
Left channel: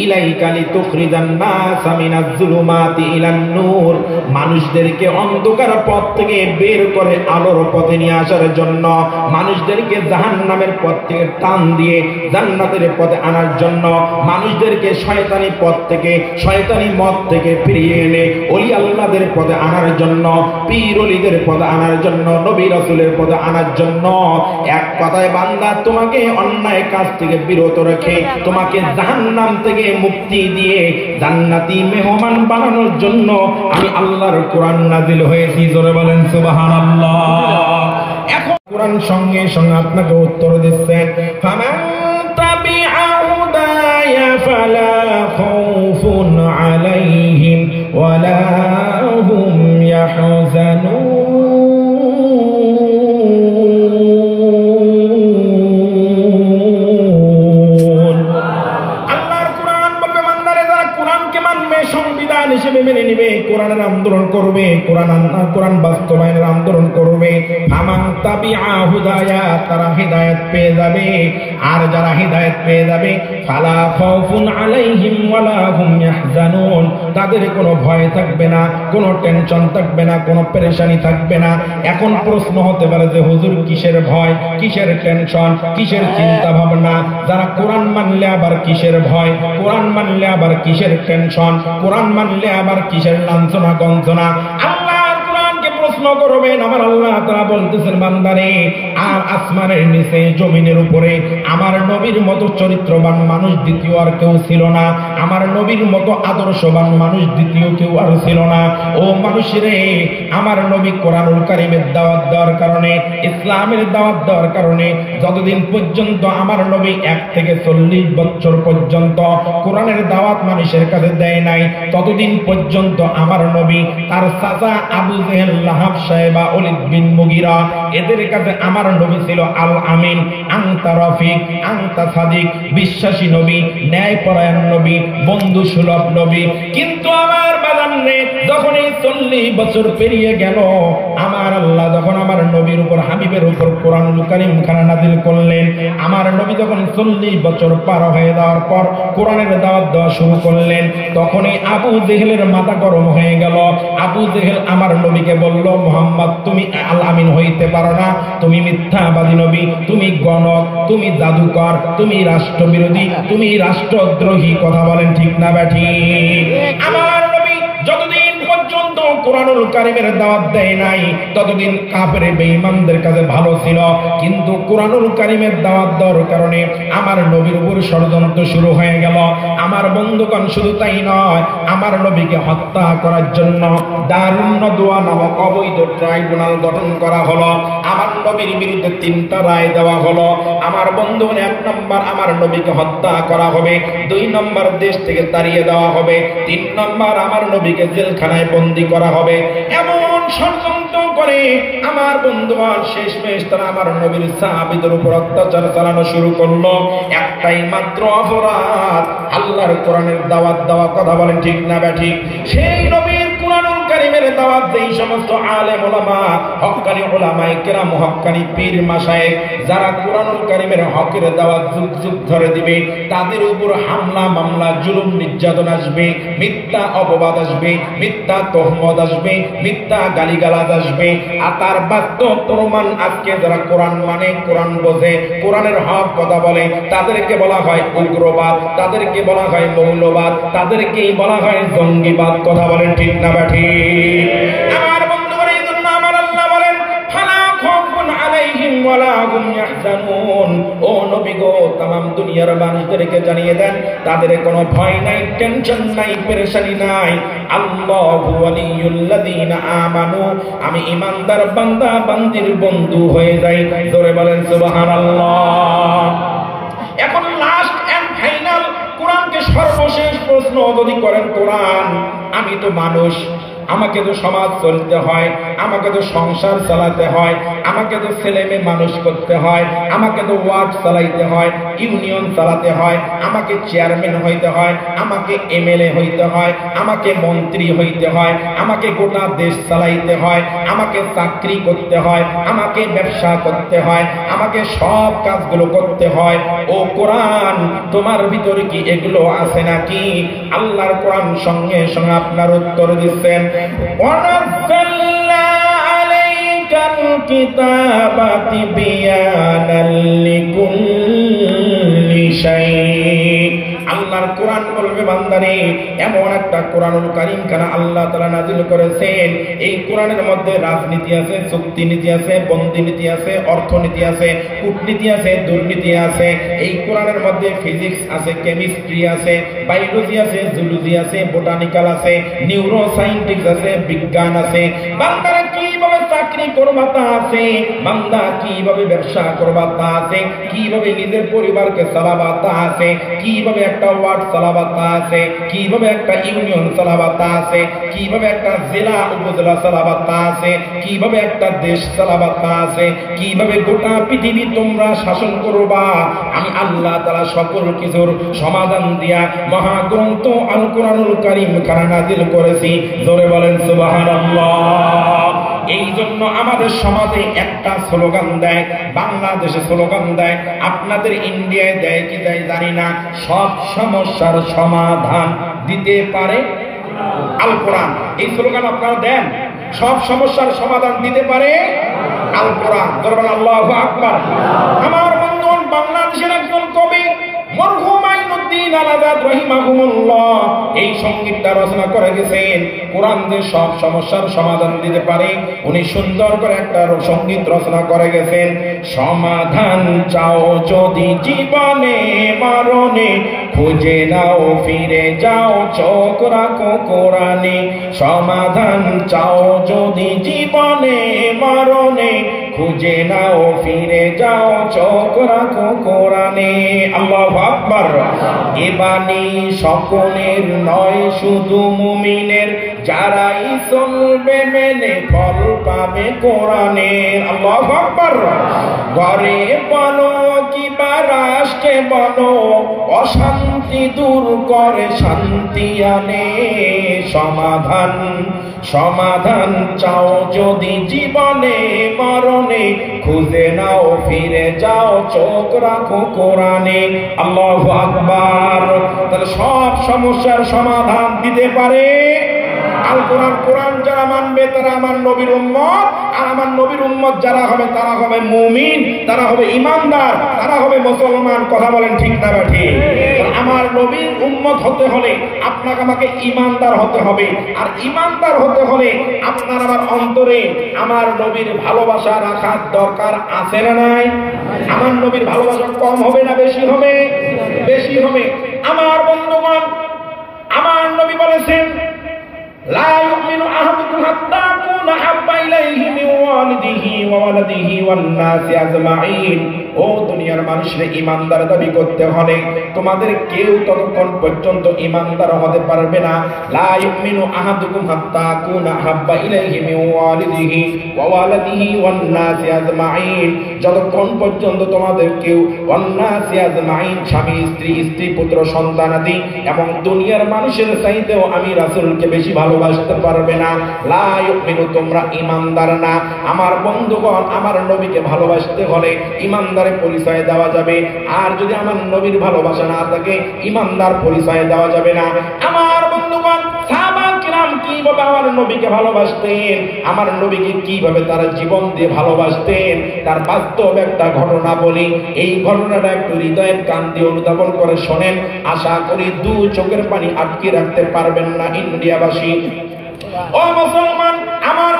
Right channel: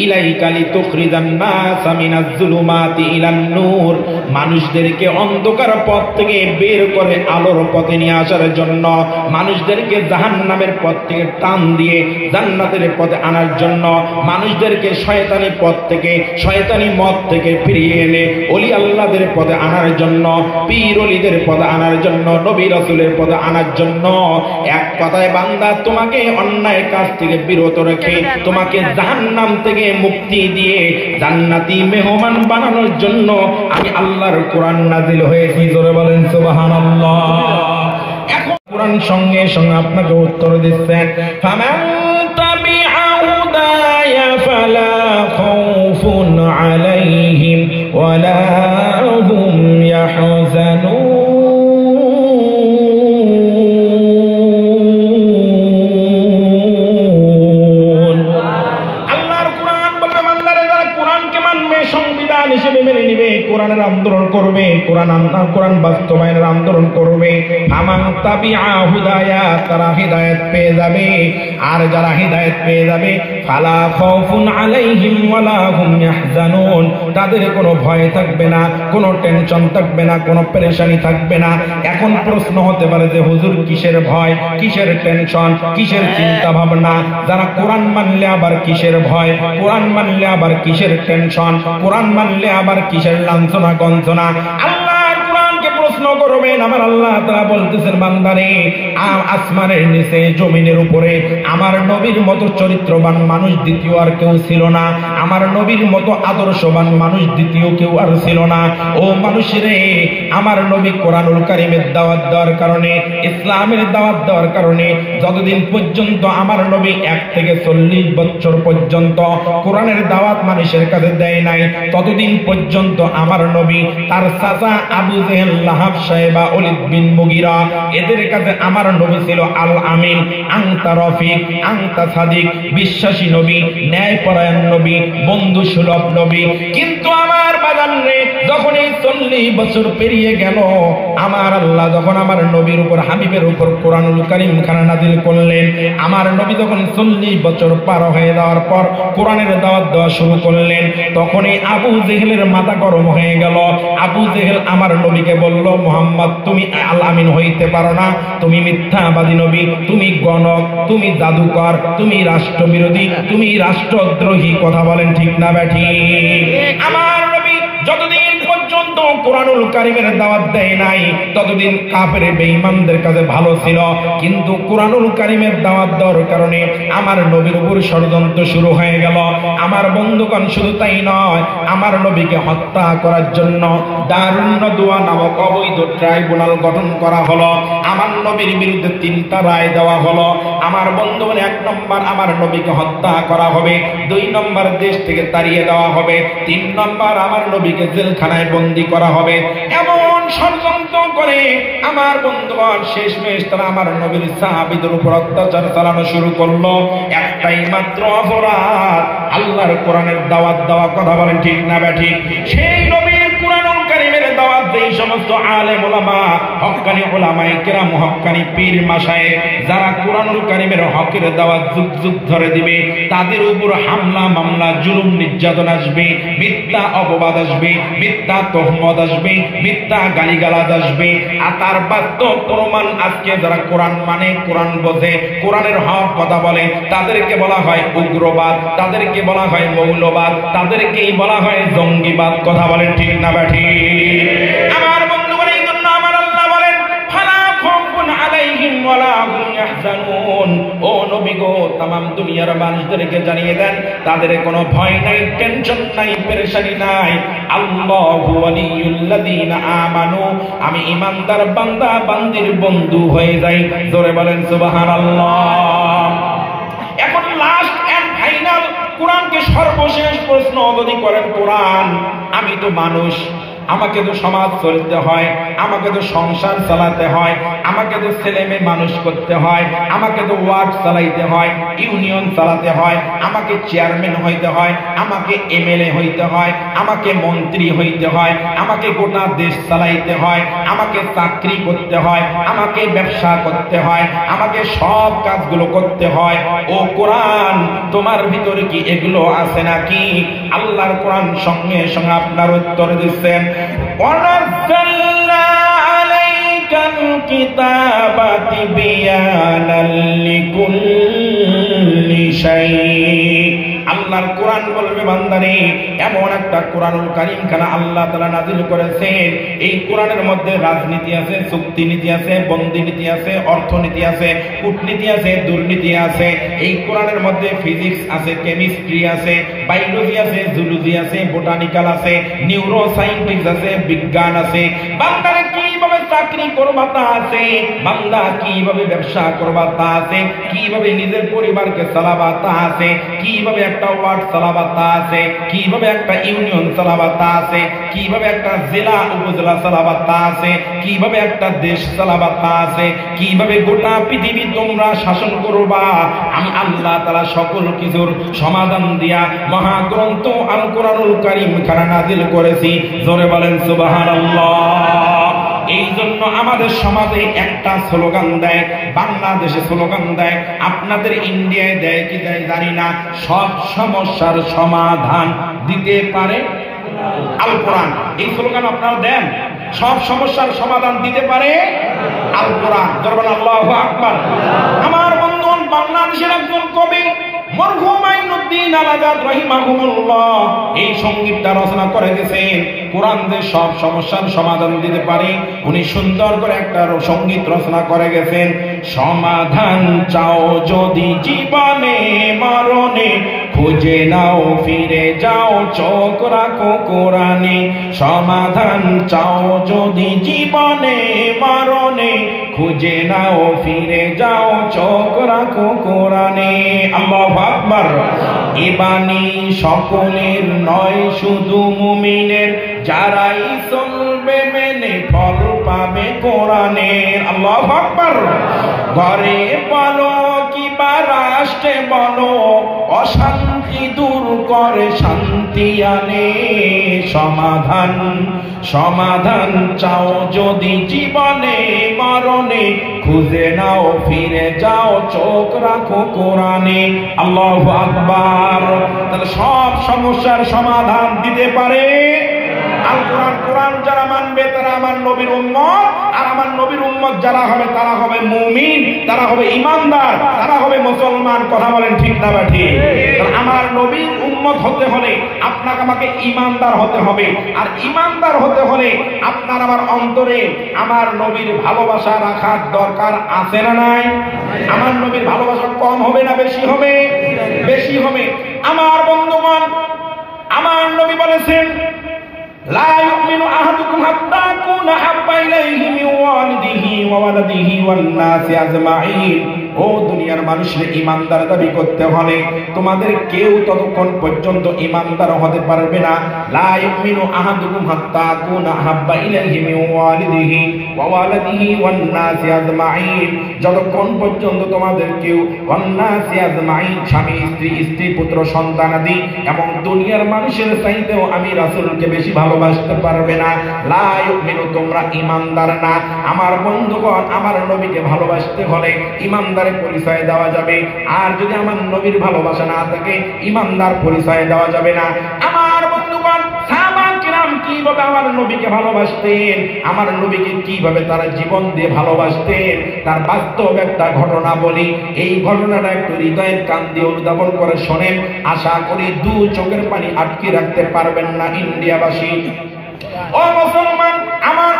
ইলাইকা লিতুখরিজান নাসা মিনাজ যুলুমাতি ইলান নূর, মানুষদেরকে অন্ধকার পথ থেকে বের করে আলোর পথে নিয়ে আসার জন্য, মানুষদেরকে জাহান্নামের পথ থেকে টান দিয়ে জান্নাতের পথে আনার জন্য, মানুষদেরকে শয়তানি পথ থেকে শয়তানি মত থেকে ফিরিয়ে এনে ওলি আল্লাহদের পথে আনার জন্য, পীর ওলিদের পথে আনার জন্য, নবী রাসূলের পথে আনার জন্য। এক কথায় বান্দা, তোমাকে অন্যায় কাজ থেকে বিরত রেখে তোমাকে জাহান্নাম থেকে মুক্তি দিয়ে জান্নাতি মেহমান বানানোর জন্য আমি আল্লাহর কোরআন নাযিল হয়েছি। জোরে বলেন সুবহানাল্লাহ। এখন কোরআন সঙ্গে সঙ্গে আপনাকে উত্তর দিচ্ছে, ফামান তাবিআ হুদায়া ফালা খাউফুন আলাইহিম ওয়ালা হুম ইয়াহজানুন। কোরআনের আন্দোলন করবে, কোরআন বাস্তবায়নের আন্দোলন করবে, ফামান তাবিআ হুদায়া, তারা হিদায়াত পেয়ে যাবে। আর যারা হিদায়াত পেয়ে যাবে, ফালা খাউফুন আলাইহিম ওয়ালা হুম ইয়াহজানুন, তাদের কোনো ভয় থাকবে না, কোনো টেনশন থাকবে না, কোনো পেরেশানি থাকবে না। এখন প্রশ্ন হতে পারে যে হুজুর কিসের ভয়, কিসের টেনশন, কিসের চিন্তা ভাবনা? যারা কোরআন মানলে আবার কিসের ভয়, কোরআন মানলে আবার কিসের টেনশন, কোরআন মানলে আবার কিসের লাঞ্ছনা গঞ্জনা? আল্লাহর কোরআনকে প্রশ্ন করবেন। আমার আল্লাহ তাআলা বলতেছেন, বান্দারে, আর আসমানের নিচে জমিনের উপরে আমার নবীর মতো চরিত্রবান মানুষ দ্বিতীয় আর কেউ ছিল না, আমার নবীর মতো আদর্শবান মানুষ দ্বিতীয় কেউ আর ছিল না। ও মানুষেরে, আমার নবী কোরআনুল কারীমের দাওয়াত দেওয়ার কারণে, ইসলামের দাওয়াত দেওয়ার কারণে যতদিন পর্যন্ত আমার নবী 1 থেকে 40 বছর পর্যন্ত কোরআনের দাওয়াত মানুষের কাছে দেয় নাই, ততদিন পর্যন্ত আমার নবী তার চাচা আবু জেহেল, লাহাব, সাহেবা, ওলীদ বিন মুগীরা, এদের কাছে আমার নবী ছিল আল আমিন, আনতা রফিক, আনতা সাদিক, বিশ্বাসী নবী, ন্যায়পরায়ণ নবী, বন্ধু সুলভ নবী। কিন্তু আমার বাজানে যখন এই 40 বছর পেরিয়ে গেল, আমার আল্লাহ যখন আমার নবীর উপর, হাবিবের উপর কোরআনুল কারীম খানা নাযিল করলেন, আমার নবী যখন 40 বছর পার হয়ে যাওয়ার পর কোরআনের দাওয়াত দেওয়া শুরু করলেন, তখনই আবু জেহেলের মাথা গরম হয়ে গেল। আবু জেহেল আমার নবীকে বলল, মুহাম্মদ, তুমি আল আমিন হইতে পারো না, তুমি মিথ্যাবাদী নবী, তুমি গণক, তুমি জাদুকর, তুমি রাষ্ট্রবিরোধী, তুমি রাষ্ট্রদ্রোহী। কথা বলেন ঠিক না ব্যাঠিক? আমার নবী যতদিন পর্যন্ত কোরআনুল কারীমের দাওয়াত দেয় নাই, ততদিন কাফের বেঈমানদের কাছে ভালো ছিল। কিন্তু কোরআনুল কারীমের দাওয়াত দেওয়ার কারণে আমার নবীর উপর ষড়যন্ত্র শুরু হয়ে গেল। আমার বন্ধুগণ, শুধু তাই নয়, আমার নবীকে হত্যা করার জন্য দারুন নদওয়া নামক অবৈধ ট্রাইব্যুনাল গঠন করা হলো। আমার নবীর বিরুদ্ধে 3টা রায় দেওয়া হলো। আমার বন্ধুগণ, 1 নম্বর, আমার নবীকে হত্যা করা হবে; 2 নম্বর, দেশ থেকে তাড়িয়ে দেওয়া হবে; 3 নম্বর, আমার নবীকে জেলখানায় বন্দী করা হবে। এমন ষড়যন্ত্র করে আমার বন্ধুগণ শেষমেশ তারা আমার নবীর সাহাবীদের উপর অত্যাচার চালানো শুরু করলো। একটাই মাত্র অপরাধ, আল্লাহর কোরআনের দাওয়াত দেওয়া। কথা বলেন ঠিক না ব্যাঠিক? সেই নবীর কোরআনুল কারীমের দাওয়াত যেই সমস্ত আলেম ওলামা, হক্কানি ওলামায়ে কেরাম, হক্কানি পীর মাশায়েখ, যারা কোরআনুল কারীমের হকের দাওয়াত যুগ যুগ ধরে দিবে, তাদের উপর হামলা, মামলা, জুলুম, নির্যাতন আসবে, মিথ্যা অপবাদ আসবে, মিথ্যা তহমত আসবে, মিথ্যা গালিগালাজ আসবে। আর তার বাস্তব প্রমাণ আজকে যারা কোরআন মানে, কোরআন বোঝে, কোরআনের হক কথা বলে, তাদেরকে বলা হয় উগ্রবাদ, তাদেরকে বলা হয় মৌলবাদ, তাদেরকেই বলা হয় জঙ্গিবাদ। কথা বলেন ঠিক না ব্যাঠিক? আমার বন্ধুগণ, এই জন্য আমার আল্লাহ বলেন, ফালা খাউফুন আলাইহিম ওয়ালা হুম ইয়াহজানুন। ও নবী গো, तमाम দুনিয়ার মানুষদেরকে জানিয়ে দেন, তাদের কোনো ভয় নাই, টেনশন নাই, পেরেশানি নাই। আল্লাহু ওয়ালিয়ুল্লাযীনা আমানু, আমি ঈমানদার বান্দা বান্দির বন্ধু হয়ে যাই। জোরে বলেন সুবহানাল্লাহ। এখন লাস্ট এন্ড ফাইনাল, কোরআনকে সর্বশেষ প্রশ্ন যদি করেন, কোরআন, আমি তো মানুষ, আমাকে তো সমাজ চলতে হয়, আমাকে তো সংসার চালাতে হয়, আমাকে তো ছেলে মেয়ে মানুষ করতে হয়, আমাকে তো ওয়ার্ড চালাইতে হয়, ইউনিয়ন চালাতে হয়, আমাকে চেয়ারম্যান হইতে হয়, আমাকে এমএলএ হইতে হয়, আমাকে মন্ত্রী হইতে হয়, আমাকে গোটা দেশ চালাইতে হয়, আমাকে চাকরি করতে হয়, আমাকে ব্যবসা করতে হয়, আমাকে সব কাজগুলো করতে হয়। ও কোরআন, তোমার ভিতরে কি এগুলো আছে নাকি? আল্লাহর কোরআন সঙ্গে সঙ্গে আপনার উত্তর দিচ্ছেন, কিতাবাতি বিয়ানাল লিকুল্লি শাই। আল্লাহর কোরআন বলবে বান্দারে, এমন একটা কোরআনুল কারীম খানা আল্লাহ তাআলা নাযিল করেছেন, এই কোরআনের মধ্যে রাজনীতি আছে, চুক্তি নীতি আছে, বন্দি নীতি আছে, অর্থনীতি আছে, কূটনীতি আছে, দুর্নীতি আছে। এই কোরআনের মধ্যে ফিজিক্স আছে, কেমিস্ট্রি আছে, বায়োলজি আছে, জুলজি আছে, বোটানিক্যাল আছে, নিউরো সায়েন্টিক্স আছে, বিজ্ঞান আছে। বান্দারে কিভাবে চাকরি করবা তা আছে, বান্দা কিভাবে ব্যবসা করবা তা আছে, কিভাবে নিজের পরিবারকে চালাবা তা আছে, কিভাবে একটা ওয়ার্ড চালাবা তা আছে, কিভাবে একটা ইউনিয়ন চালাবা তা আছে, কিভাবে একটা জেলা উপজেলা চালাবা তা আছে, কিভাবে একটা দেশ চালাবা তা আছে, কিভাবে গোটা পৃথিবী তোমরা শাসন করবা। আমি আল্লাহ তাআলা সকল কিছুর সমাধান দিয়া মহাগ্রন্থ আল কোরআনুল কারীম খানা নাযিল করেছি। জোরে বলেন সুবহানাল্লাহ। এই জন্য আমাদের সমাজে একটা স্লোগান দেয়, বাংলাদেশে স্লোগান দেয়, আপনাদের ইন্ডিয়ায় দেয় কি দেয় জানি না, সব সমস্যার সমাধান দিতে পারে আল কোরআন। এই স্লোগান আপনারা দেন, সব সমস্যার সমাধান দিতে পারে আল কোরআন। দরবার আল্লাহু আকবার। আমার বন্ধুগণ, বাংলাদেশের একজন কবি মরহুম আইনুদ্দিন আল আজাদ রাহিমাহুল্লাহ এই সংগীতটা রচনা করে গেছেন, কোরআন যে সব সমস্যার সমাধান দিতে পারে। উনি সুন্দর করে একটা সংগীত রচনা করে গেছেন, সমাধান চাও যদি জীবনে মরণে, খুঁজে নাও ফিরে যাও চোখ রাখো কোরআনে। সমাধান চাও যদি জীবনে মরণে, খুঁজে নাও ফিরে যাও চোখ রাখো কোরআনে। আল্লাহু আকবার। এ বাণী সকলের নয়, শুধু মুমিনের, যারাই চলবে মেনে ফল পাবে কোরআনের। আল্লাহু আকবার। ঘরে বলো কিবা রাষ্ট্রে বলো, অশান্তি দূর করে শান্তি আনে। সমাধান সমাধান চাও যদি জীবনে মরণে, খুঁজে নাও ফিরে যাও চোখ রাখো কোরআনে। আল্লাহু আকবার। তাহলে সব সমস্যার সমাধান দিতে পারে আল কোরআন। কোরআন যারা মানবে তারা আমার নবীর উম্মত, আর আমার নবীর উম্মত যারা হবে তারা হবে মুমিন, তারা হবে ঈমানদার, তারা হবে মুসলমান। কথা বলেন ঠিক না ঠিক? আমার নবীর উম্মত হতে হলে আপনাকে আমাকে ঈমানদার হতে হবে, আর ঈমানদার হতে হলে আপনার আমার অন্তরে আমার নবীর ভালোবাসা রাখার দরকার আছে না নাই? আমার নবীর ভালোবাসা কম হবে না বেশি হবে? বেশি হবে। আমার বন্ধুগণ, আমার নবী বলেছেন, লা ইউমিনু আহাদুকুম হাত্তা আকুনা আহাব্বা ইলাইহি মিন ওয়ালিদিহি ওয়া ওয়ালাদিহি ওয়ান নাসি আজমাইন। ও দুনিয়ার মানুষের ঈমানদার দাবি করতে হলে তোমাদের কেউ ততক্ষণ পর্যন্ত ঈমানদার হতে পারবে না। লা ইউমিনু আহাদুকুম হাত্তা আকুনা আহাব্বা ইলাইহি মিন ওয়ালিদিহি ওয়া ওয়ালাদিহি ওয়ান নাসি আজমাইন। যতক্ষণ পর্যন্ত তোমাদের কেউ ওয়ান নাসি আজমাইন, স্বামী স্ত্রী, স্ত্রী পুত্র সন্তানাদি এবং দুনিয়ার মানুষের চাইতেও আমি রাসূলকে বেশি ভালোবাসতে পারবে না। লা ইউমিনু, তোমরা ঈমানদার না। আমার বন্ধুগণ, আমার নবীকে ভালোবাসতে হলে ঈমানদার পরিচয় দেওয়া যাবে, আর যদি আমার নবীর ভালোবাসা না থাকে ঈমানদার পরিচয় দেওয়া যাবে না। আমার বন্ধুগণ, সাহাবায়ে কিরাম কিভাবে আমার নবীকে ভালোবাসতেন, আমার নবীকে কিভাবে তারা জীবন দিয়ে ভালোবাসতেন, তার বাস্তব একটা ঘটনা বলি। এই ঘটনাটা একটু হৃদয়ের কান দিয়ে অনুধাবন করে শোনেন। আশা করি দু চোখের পানি আটকে রাখতে পারবেন না ইন্ডিয়াবাসী। ও মুসলমান, আমার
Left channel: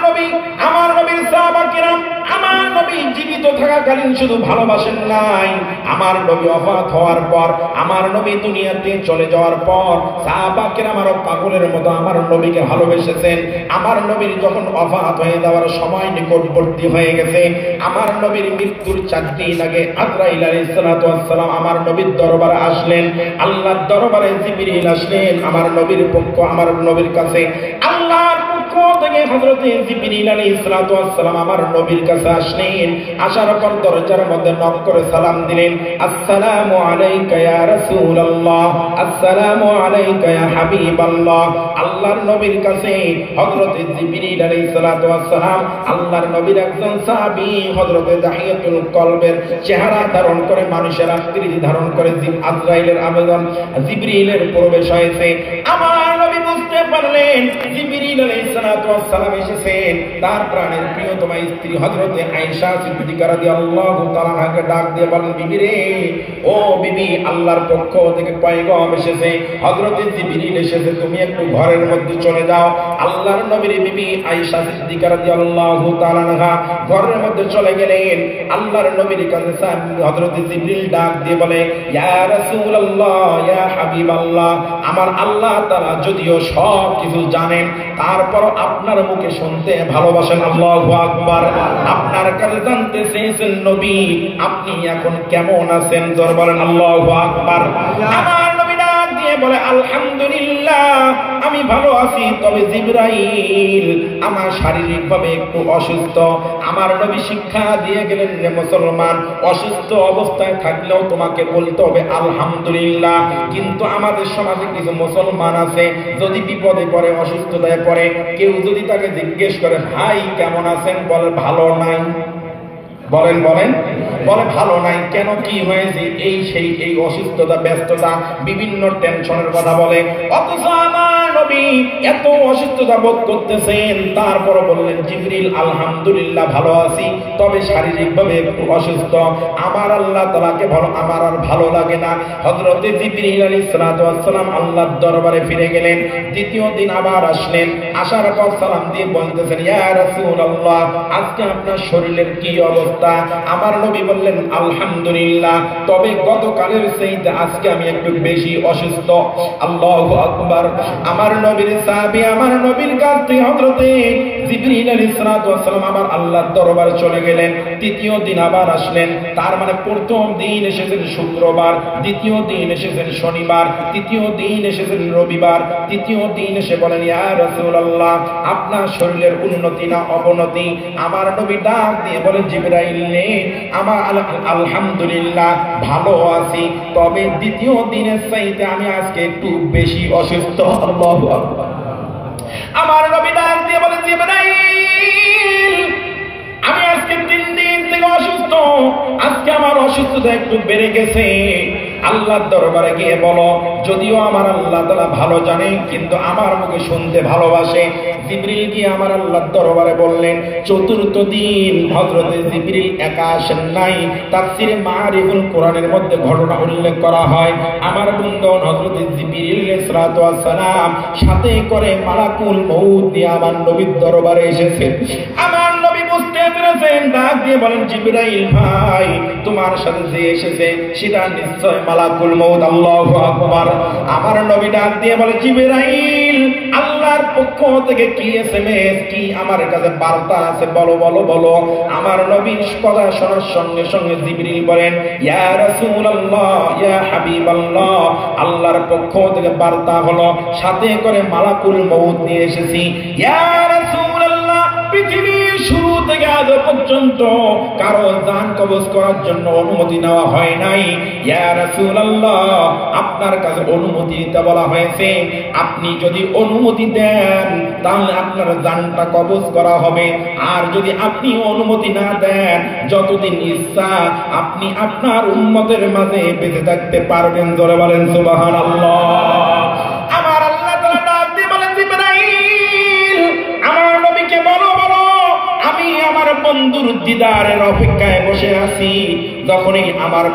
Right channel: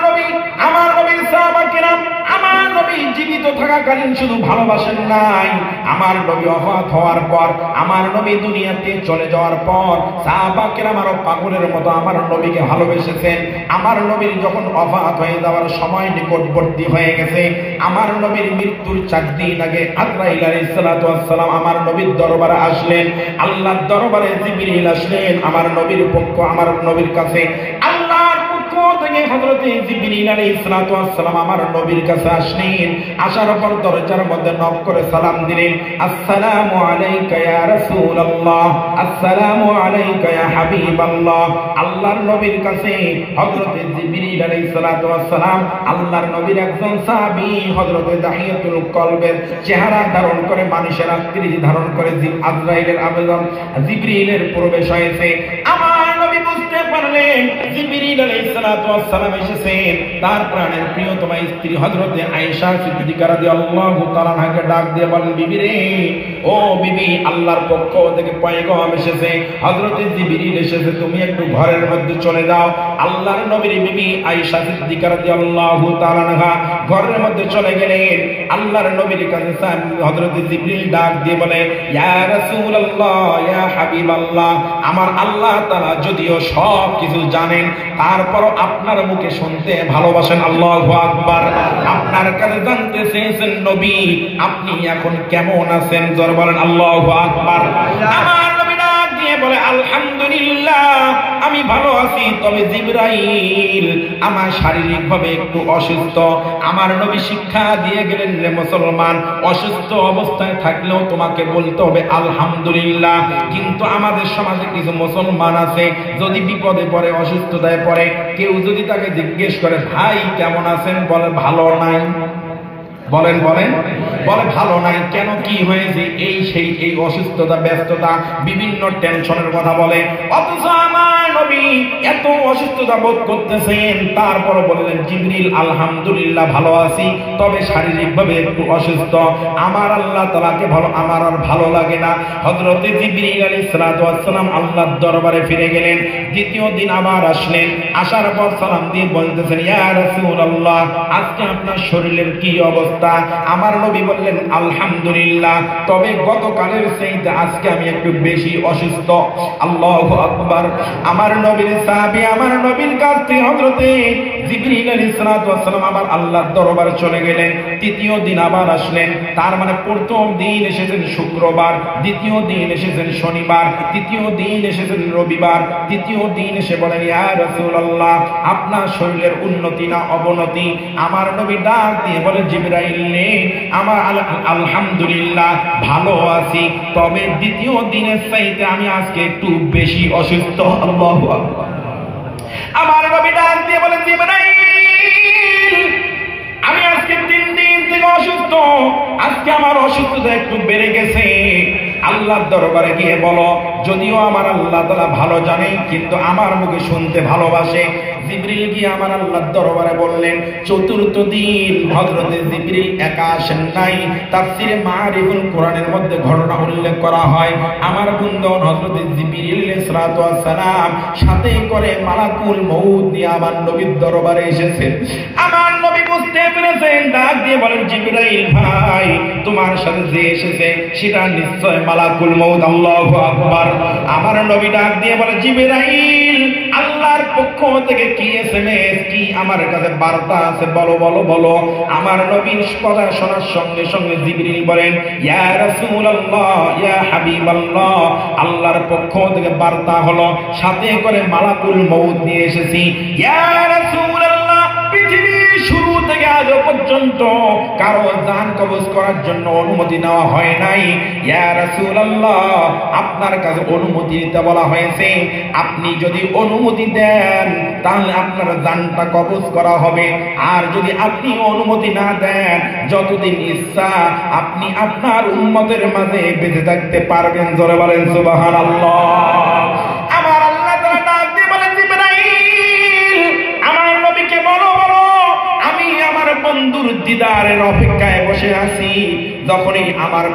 নবীর সাহাবায়ে কিরাম আমার নবী জীবিত থাকাকালীন শুধু ভালোবাসেন নাই, আমার নবী ওফাত হওয়ার পর, আমার নবী দুনিয়াতে চলে যাওয়ার পর সাহাবায়ে কিরাম আরো পাগলের মতো আমার নবীকে ভালোবেসেছেন। আমার নবীর যখন ওফাত হয়ে যাওয়ার সময় নিকটবর্তী হয়ে গেছে, আমার নবীর মৃত্যুর 4 দিন আগে আজরাইল আলাইহিস সালাতু ওয়াস সালাম আমার নবীর দরবারে আসলেন। আল্লাহর দরবারে জিবরিল আসলেন আমার নবীর পক্ষ, আমার নবীর কাছে আল্লাহর পক্ষ থেকে হযরতে জিবরিল আলাইহিস সালাতু ওয়াস সালাম আমার নবীর কাছে আসলেন। আসার পর দরজার মধ্যে নক করে সালাম দিলেন, আসসালামু আলাইকা ইয়া রাসূলুল্লাহ, আসসালামু আলাইকা ইয়া হাবিবাল্লাহ। আল্লাহর নবীর কাছে হযরতে জিবরিল আলাইহিস সালাতু ওয়াস সালাম আল্লাহর নবীর একজন সাহাবী হযরতে দাহিয়াতুল কলবের চেহারা ধারণ করে, মানুষের আকৃতি ধারণ করে আজরাইলের আবেদন জিবরিলের প্রবেশ হয়েছে। আমার নবী বুঝতে পারলেন জিবরিল আলাইহিস সালাতু ওয়াস সালাম এসেছেন। তার প্রাণের প্রিয়তমা স্ত্রী হযরতে আয়েশা সিদ্দিকা রাদিয়াল্লাহু তাআলা আনহাকে ডাক দিয়ে বলেন, বিবি রে, ও বিবি, আল্লাহর পক্ষ থেকে পয়গাম এসেছে, হযরতে জিবরিল এসেছে, তুমি একটু ঘরের মধ্যে চলে যাও। আল্লাহর নবীর বিবি আয়েশা সিদ্দিকা রাদিয়াল্লাহু তাআলা আনহা ঘরের মধ্যে চলে গেলেন। আল্লাহর নবীর কাছে হযরতে জিবরিল ডাক দিয়ে বলে, ইয়া রাসূলুল্লাহ, ইয়া হাবিবাল্লাহ, আমার আল্লাহ তাআলা যদিও সব কিছু জানেন, তারপরও আপনার মুখে শুনতে ভালোবাসেন। আল্লাহু আকবার। আপনার কাছে জানতে চেয়েছেন নবী আপনি এখন কেমন আছেন, জোরে বলেন আল্লাহু আকবার। আমার নবী ডাক দিয়ে বলে, আলহামদুলিল্লাহ আমি ভালো আছি, তবে জিবরাইল আমার শারীরিকভাবে একটু অসুস্থ। আমার নবী শিক্ষা দিয়ে গেলেন, রে মুসলমান, অসুস্থ অবস্থায় থাকলেও তোমাকে বলতে হবে আলহামদুলিল্লাহ। কিন্তু আমাদের সমাজে কিছু মুসলমান আছে, যদি বিপদে পড়ে, অসুস্থতায় পড়ে, কেউ যদি তাকে জিজ্ঞেস করে ভাই কেমন আছেন, বলে ভালো নাই। বলেন বলেন বলে ভালো নাই। কেন, কি হয়েছে, এই সেই, এই অসুস্থতা, ব্যস্ততা, বিভিন্ন টেনশনের কথা বলে। অথচ আমার নবী এত অসুস্থতা বোধ করতেছেন, তারপর বললেন জিবরিল আলহামদুলিল্লাহ ভালো আছি, তবে শারীরিকভাবে একটু অসুস্থ। আমার আল্লাহ তাআলাকে ভালো, আমার আর ভালো লাগে না। হযরতে জিবরিল আলাইহিস সালাতু ওয়াস সালাম আল্লাহর দরবারে ফিরে গেলেন। দ্বিতীয় দিন আবার আসলেন। আসার পর সালাম দিয়ে বলতেছেন, ইয়া রাসূলুল্লাহ, আজকে আপনার শরীরের কি অবস্থা? আমার নবী বললেন আলহামদুলিল্লাহ, তবে গতকালের চাইতে আজকে আমি একটু বেশি অসুস্থ। আল্লাহু আকবার। আমার নবীর সাহাবী আমার নবীর কাছ থেকে হযরতে জিবরিল আলাইহিস সালাতু ওয়াস সালাম আবার আল্লাহর দরবারে চলে গেলেন। তৃতীয় দিন আবার আসলেন। তার মানে প্রথম দিন এসেছেন শুক্রবার, দ্বিতীয় দিন এসেছেন শনিবার, তৃতীয় দিন এসেছেন রবিবার। তৃতীয় দিন এসে বলেন, ইয়া রাসূলুল্লাহ, আপনার শরীরের উন্নতি না অবনতি? আমার নবী ডাক দিয়ে বলে, জিবরাইল নে, আমার আলহামদুলিল্লাহ ভালো আছি, তবে দ্বিতীয় দিনের চাইতে আমি আজকে একটু বেশি অসুস্থ। আল্লাহু আকবার। আমার নবী ডাক দিয়ে বলে, জিবরাইল, আমি আজকে 3 দিন থেকে অসুস্থ, আজকে আমার অসুস্থতা একটু বেড়ে গেছে। আল্লাহর দরবারে গিয়ে বলো, যদিও আমার আল্লাহ তাআলা ভালো জানে, কিন্তু আমার মুখে শুনতে ভালোবাসে। জিবরিল গিয়ে আমার আল্লাহর দরবারে বললেন। চতুর্থ দিন হযরতে জিবরিল একা আসেন নাই। তাফসীরে মারিফুল কোরআনের মধ্যে ঘটনা উল্লেখ করা হয়, আমার বন্ধু হযরতে জিবরিল আলাইহিস সালাতু ওয়াস সালাম সাথে করে মালাকুল মউত নিয়ে আমার নবীর দরবারে এসেছেন। আমার নবী বুঝতে পেরেছেন, ডাক দিয়ে বলেন, জিবরাইল ভাই, তোমার সাথে যে এসেছে সেটা নিশ্চয় মালাকুল মউত। আল্লাহু আকবার। আমার নবী ডাক দিয়ে বলে, জিবরাইল, আল্লাহর পক্ষ থেকে কি এসএমএস, কি আমার কাছে বার্তা আছে, বলো বলো বলো। আমার নবীর কথা শোনার সঙ্গে সঙ্গে জিবরিল বলেন, ইয়া রাসূলুল্লাহ, ইয়া হাবিবাল্লাহ, আল্লাহর পক্ষ থেকে বার্তা হলো, সাথে করে মালাকুল মউত নিয়ে এসেছি। ইয়া রাসূলুল্লাহ, পৃথিবীর শুরু থেকে আজ পর্যন্ত কারো জান কবজ করার জন্য অনুমতি নেওয়া হয় নাই। ইয়া রাসূলুল্লাহ, আপনার কাছে অনুমতি দিতে বলা হয়েছে, আপনি যদি অনুমতি দেন তাহলে আপনার জানটা কবজ করা হবে, আর যদি আপনি অনুমতি না দেন, যতদিন ইচ্ছা আপনি আপনার উম্মতের মাঝে বেঁচে থাকতে পারবেন। জোরে বলেন সুবহানাল্লাহ। আমার আল্লাহ তাআলা ডাক দিয়ে বলেন, জিবরাইল, আমার নবীকে বলো, বলো আমি আমার বন্ধুর দিদারের অপেক্ষায় বসে আছি। যখনই আমার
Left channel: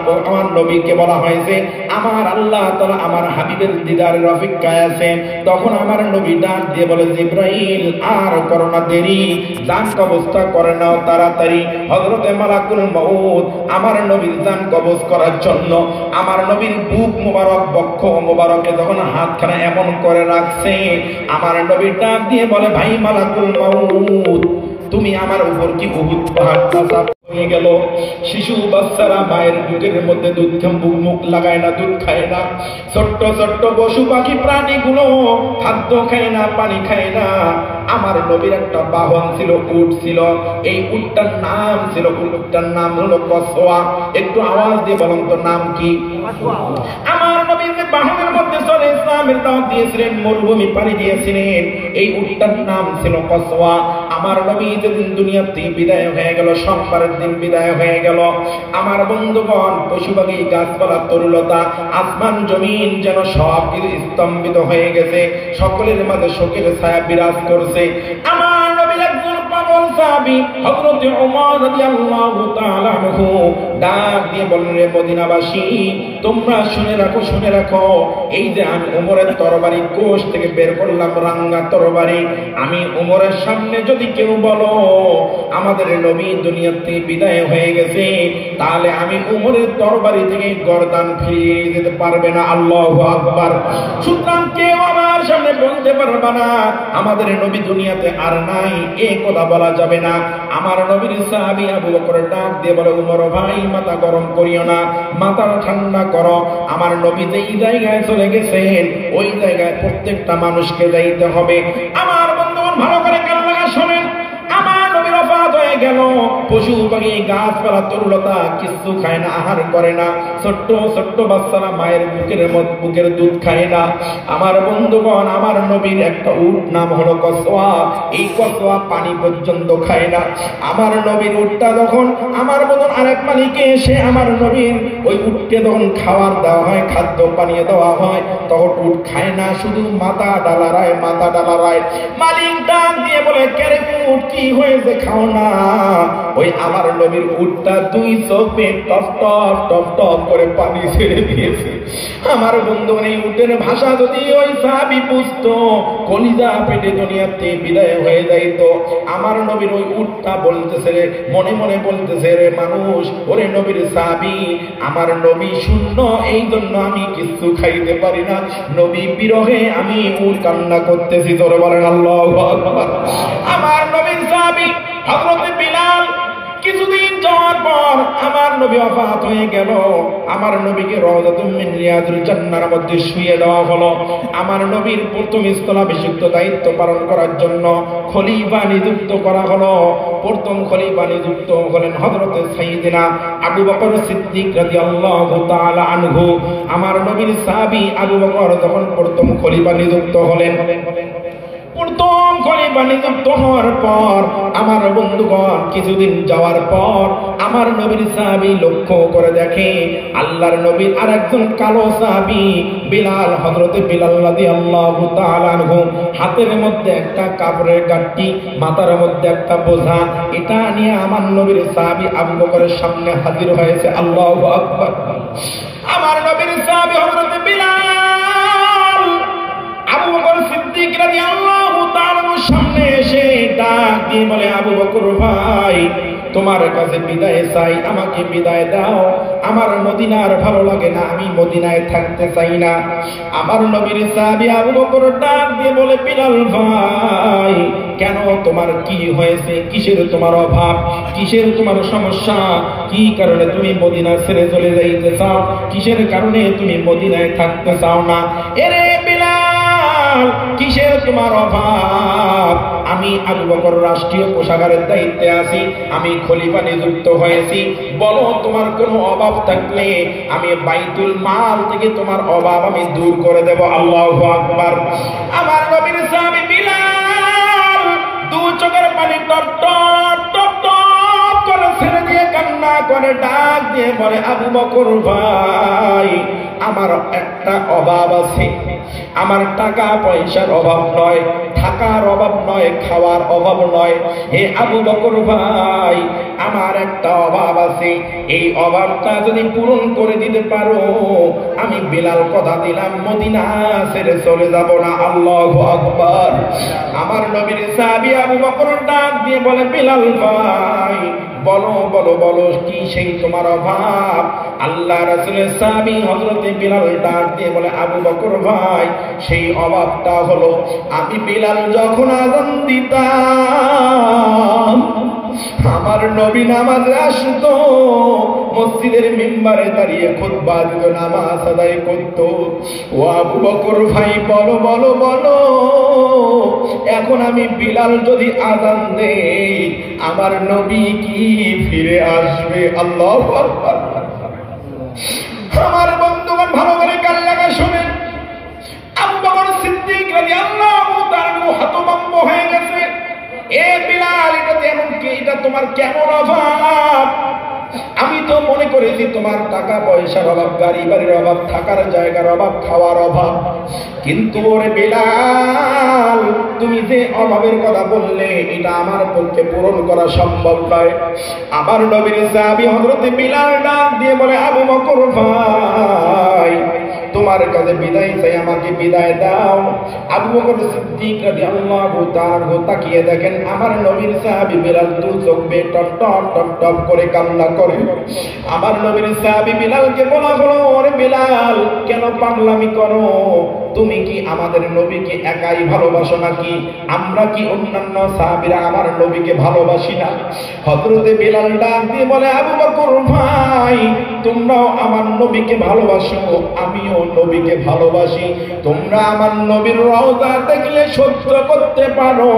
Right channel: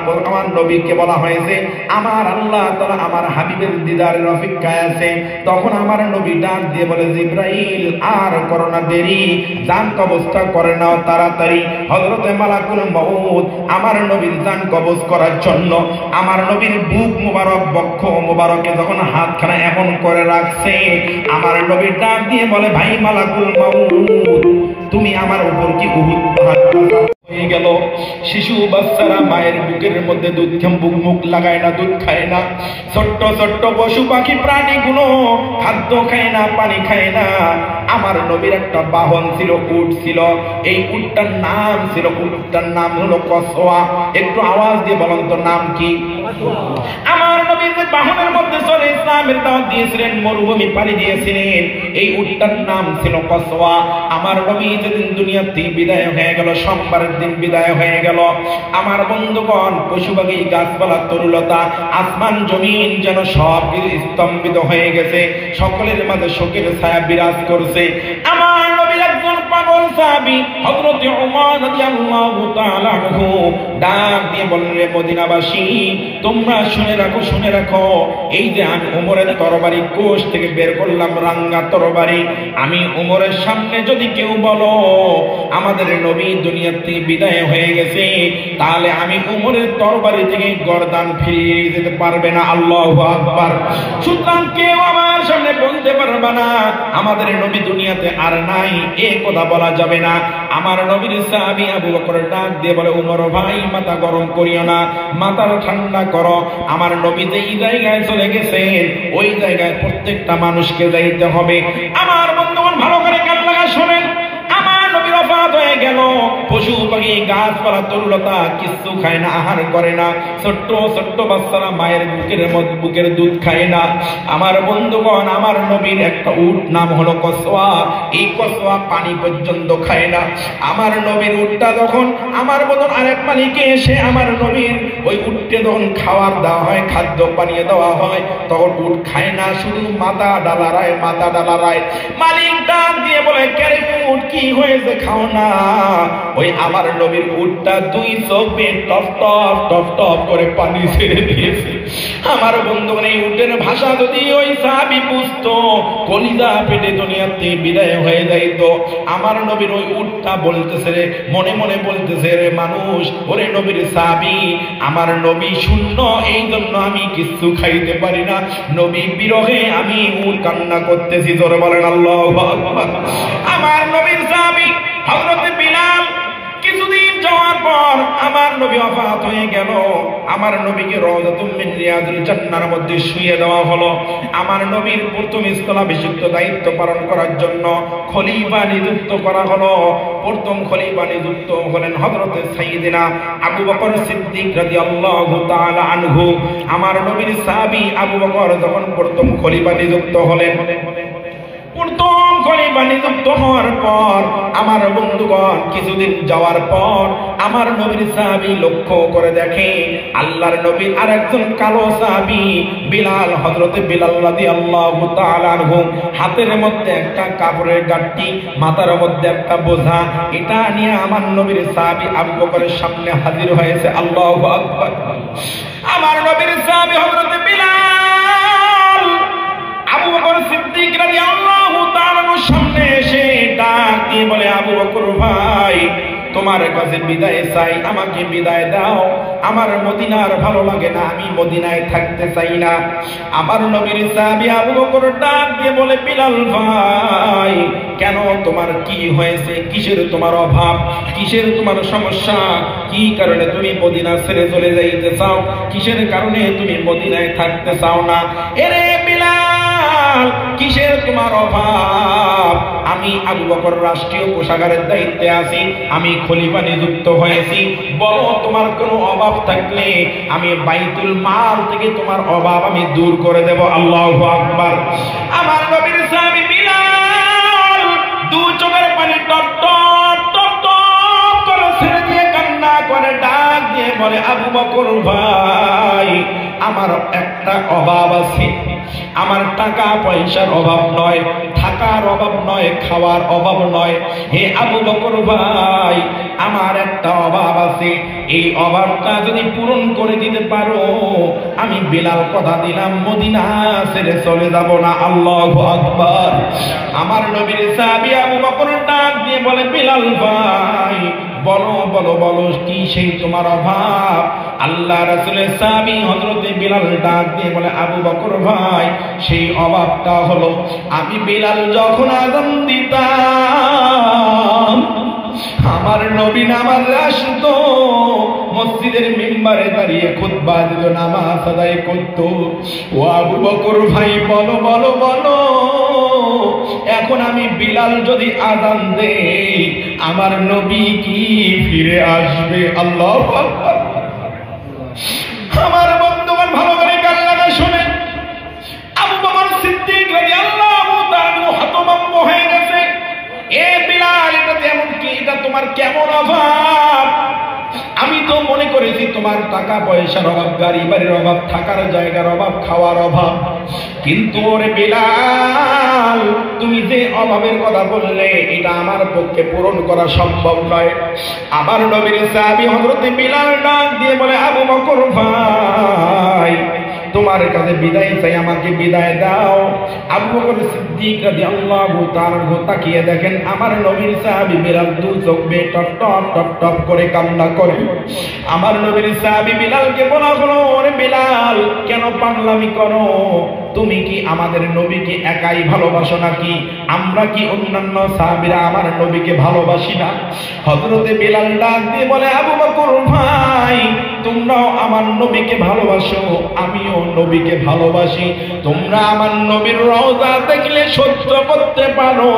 নবীকে বলা হয়েছে আমার আল্লাহ তাআলা আমার হাবিবের দিদারের অপেক্ষায় আছে, তখন আমার নবী ডাক দিয়ে বলে, জিবরাইল, আর করো না দেরি, জান কবজটা করে নাও তাড়াতাড়ি। হযরতে মালাকুল মউত আমার নবীর জান কবজ করার জন্য আমার নবীর বুক মোবারক, বক্ষ মোবারকে যখন হাতখানা এমন করে রাখছে, আমার নবী ডাক দিয়ে বলে, ভাই মালাকুল মউত, তুমি আমার উপর কি উহুদ পাহাড় হয়ে গেল? শিশু বাচ্চারা মায়ের বুকের মধ্যে দুধ মুখ লাগায় না, দুধ খায় না। ছোট্ট ছোট্ট পশু পাখি প্রাণীগুলো খাদ্য খায় না, পানি খায় না। আমার নবীর একটা বাহন ছিল, উট ছিল। এই উটটার নাম হলো কসওয়া। একটু আওয়াজ দিয়ে বলুন তো নাম কি? আমার নবী যে বাহনের মধ্যে চলে ইসলামের দাওয়াত দিয়েছিলেন, মরুভূমি পাড়ি দিয়েছিলেন, এই উটটার নাম ছিল কসওয়া। আমার নবী যেদিন দুনিয়া থেকে বিদায় হয়ে গেল, সোমবারের দিন বিদায় হয়ে গেল, আমার বন্ধুগণ পশু পাখি গাছপালা তরুলতা আসমান জমিন যেন সব কিছু স্তম্ভিত হয়ে গেছে, সকলের মাঝে শোকের ছায়া বিরাজ করছে। আমার নবীর একজন পাগল সাহাবী হযরত ওমর রাদিয়াল্লাহু তাআলা আনহু ডাক দিয়ে বললেন, রে মদিনাবাসী, তোমরা শুনে রাখো, এই যে আমি ওমরের তরবারি কোষ থেকে বের করলাম, রাঙ্গা তরবারি, আমি ওমরের সামনে যদি কেউ বলো আমাদের নবী দুনিয়া থেকে বিদায় হয়ে গেছে, তাহলে আমি ওমরের তরবারি থেকে গর্দান ফিরিয়ে দিতে পারবে না। আল্লাহু আকবার। সুতরাং কেউ আমার সামনে বলতে পারবে না আমাদের নবী দুনিয়াতে আর নাই, এই কথা বলা যাবে না। আমার নবীর সাহাবী আবু বকর ডাক দিয়ে বলে, ওমর ভাই, মাথা গরম করিও না, মাথা ঠান্ডা করো। আমার নবী যেই জায়গায় চলে গেছেন, ওই জায়গায় প্রত্যেকটা মানুষকে যাইতে হবে। আমার বন্ধুগণ ভালো করে কান লাগা শোনেন, আমার নবীর ওফাত হয়ে গেল, পশু পাখি গাছপালা তরুলতা কিছু খায় না, আহার করে না, ছোট্ট ছোট্ট বাচ্চারা মায়ের বুকের দুধ খায় না। আমার বন্ধুগণ, আমার নবীর একটা উট নাম হলো কসওয়া, এই কসওয়া পানি পর্যন্ত খায় না। আমার নবীর উটটা যখন আমার বদন আরেক মালিকে এসে আমার নবীর ওই উটকে যখন খাবার দেওয়া হয়, খাদ্য পানীয় দেওয়া হয়, তখন উট খায় না, শুধু মাথা ডালারায়। মালিক ডাক দিয়ে বলে, কেন উট কি হয়েছে, খাও না? ওই আমার নবীর উটটা দুই চোখে টপ টপ টপ টপ করে পানি ছেড়ে দিয়েছে। আমার বন্ধু, এই উটের ভাষা যদি ওই সাহাবী বুঝতো, কলিজা পেটে দুনিয়াতে বিদায় হয়ে যাইতো। আমার নবীর ওই উটটা বলতেছে রে, মনে মনে বলতেছে, রে মানুষ, ওরে নবীর সাহাবী, আমার নবী শূন্য, এই জন্য আমি কিছু খাইতে পারি না, নবী বিরহে আমি উট কান্না করতেছি। জোরে বলেন আল্লাহু আকবার। আমার নবীর সাহাবী হযরত বিলাল কিছুদিন যাওয়ার পর আমার নবী ওফাত হয়ে গেল। আমার নবীকে রাওযাতুম মিন রিয়াদিল জান্নাহর মধ্যে শুইয়ে দেওয়া হলো। আমার নবীর প্রথম স্থলাভিষিক্ত দায়িত্ব পালন করার জন্য খলিফা নিযুক্ত করা হলো। প্রথম খলিফা নিযুক্ত হলেন হযরত সাইয়্যিদিনা আবু বকর সিদ্দিক রাদিয়াল্লাহু তাআলা আনহু। আমার নবীর সাহাবী আবু বকর যখন প্রথম খলিফা নিযুক্ত হলেন, প্রথম খলিফা নিযুক্ত হওয়ার পর আমার বন্ধুগণ কিছুদিন যাওয়ার পর আমার নবীর সাহাবী লক্ষ্য করে দেখে আল্লাহর নবীর আরেকজন কালো সাহাবী বিলাল, হযরত বিলাল রাদিয়াল্লাহু তাআলা আনহু, হাতের মধ্যে একটা কাপড়ের গাঁটটি, মাথার মধ্যে একটা বোঝা, এটা নিয়ে আমার নবীর সাহাবী আবু বকরের সামনে হাজির হয়েছে। আল্লাহু আকবার। আমার নবীর সাহাবী হযরত বিলাল আবু বকর সিদ্দিক রাদিয়াল্লাহু তাআলা সামনে এসে ডাক দিয়ে বলে, আবু বকর ভাই, তোমার কাছে বিদায় চাই, আমাকে বিদায় দাও, আমার মদিনার ভালো লাগে না, আমি মদিনায় থাকতে চাই না। আমার নবীর সাহাবী আবু বকর ডাক দিয়ে বলে, বিলাল ভাই, কেন, তোমার কি হয়েছে, কিসের তোমার অভাব, কিসের তোমার সমস্যা, কি কারণে তুমি মদিনা ছেড়ে চলে যাইতে চাও, কিসের কারণে তুমি মদিনায় থাকতে চাও না? এরে বিলাল, কিসের তোমার অভাব? আমি আবু বকর রাষ্ট্রীয় কোষাগারের দায়িত্বে আছি, আমি খলিফা নিযুক্ত হয়েছি, বলো তোমার কোনো অভাব থাকলে আমি বাইতুল মাল থেকে তোমার অভাব আমি দূর করে দেব। আল্লাহু আকবার। আমার নবীর সাহাবী বিলাল দু চোখের পানি টপ টপ টপ টপ করে ছেড়ে দিয়ে কান্না করে ডাক দিয়ে বলে, আবু বকর ভাই, আমার একটা অভাব আছে, আমার টাকা পয়সার অভাব নয়, থাকার অভাব নয়, খাওয়ার অভাব নয়, হে আবু বকর ভাই, আমার একটা অভাব আছে, এই অভাবটা যদি পূরণ করে দিতে পারো, আমি বিলাল কথা দিলাম মদিনা ছেড়ে চলে যাব না। আল্লাহু আকবার। আমার নবীর সাহাবী আবু বকর ডাক দিয়ে বলে, বিলাল ভাই, বলো বলো বলো, কি সেই তোমার অভাব? আল্লাহ রাসূলের সাহাবী হযরত বিলাল ডাক দিয়ে বলে, আবু বকর ভাই, সেই অভাবটা হলো আমি বিলাল যখন আযান দিতাম, আমার নবী নামাজে আসতো, মসজিদের মিম্বারে দাঁড়িয়ে খুতবা দিত, নামাজ আদায় করত। ও আবু বকর ভাই, বলো বলো বলো, এখন আমি বিলাল যদি আযান দেই আমার নবী কি ফিরে আসবে? আল্লাহু আকবার। আমার বন্ধুগণ ভালো করে কান লাগা শুনেন, আবু বকর সিদ্দিক রাদিয়াল্লাহু তাআলা হতভম্ব হয়ে গেছে। এ বিলাল, এটা তোমার কেমন অভাব? আমি তো মনে করেছি তোমার টাকা পয়সার অভাব, গাড়ি বাড়ির অভাব, থাকার জায়গার অভাব, খাওয়ার অভাব। কিন্তু ওরে বিলাল, তুমি যে অভাবের কথা বললে এটা আমার পক্ষে পূরণ করা সম্ভব নয়। আমার নবীর সাহাবী হযরত বিলাল ডাক দিয়ে বলে, আবু বকর ভাই, তোমার কাছে বিদায় চাই, আমাকে বিদায় দাও। আবু বকর সিদ্দিক রাদিয়াল্লাহু তাআলা তাকিয়ে দেখেন আমার নবীর সাহাবী বিলাল দু চোখ বেয়ে টপ টপ টপ টপ করে কান্না করে। আমার নবীর সাহাবী বিলালকে বলা হলো, ওরে বিলাল, কেন পাগলামি করো? তুমি কি আমাদের নবীকে একাই ভালোবাসো নাকি? আমরা কি অন্যান্য সাহাবীরা আমার নবীকে ভালোবাসি না? হযরতে বিলাল ডাক দিয়ে বলে, আবু বকর ভাই, তোমরাও আমার নবীকে ভালোবাসো, আমিও নবীকে ভালোবাসি। তোমরা আমার নবীর রওজা দেখলে সহ্য করতে পারো,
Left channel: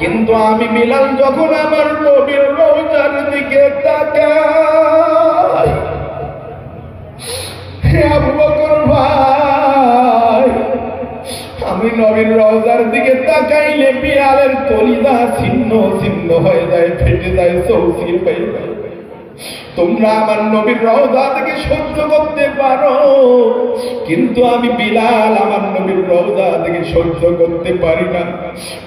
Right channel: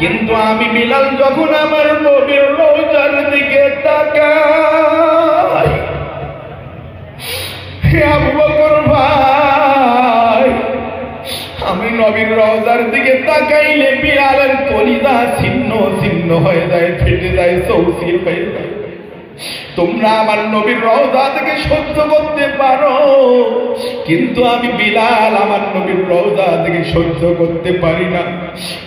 কিন্তু আমি বিলাল যখন আমার নবীর রওজার দিকে তাকাই, হে আবু বকর ভাই, আমি নবীর রওজার দিকে তাকাইলে বিলালের কলিজা ছিন্ন ছিন্ন হয়ে যায়, ফেটে যায়, চৌচির হয়ে যায়। তোমরা আমার নবীর রওজা থেকে সহ্য করতে পারো, কিন্তু আমি বিলাল আমার নবীর রওজা থেকে সহ্য করতে পারি না।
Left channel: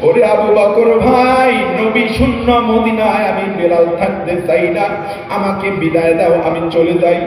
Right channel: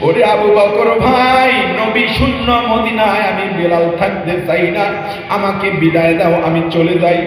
ওরে আবু বকর ভাই, নবী শূন্য মদিনায় আমি বিলাল থাকতে চাই না, আমাকে বিদায় দাও, আমি চলে যাই।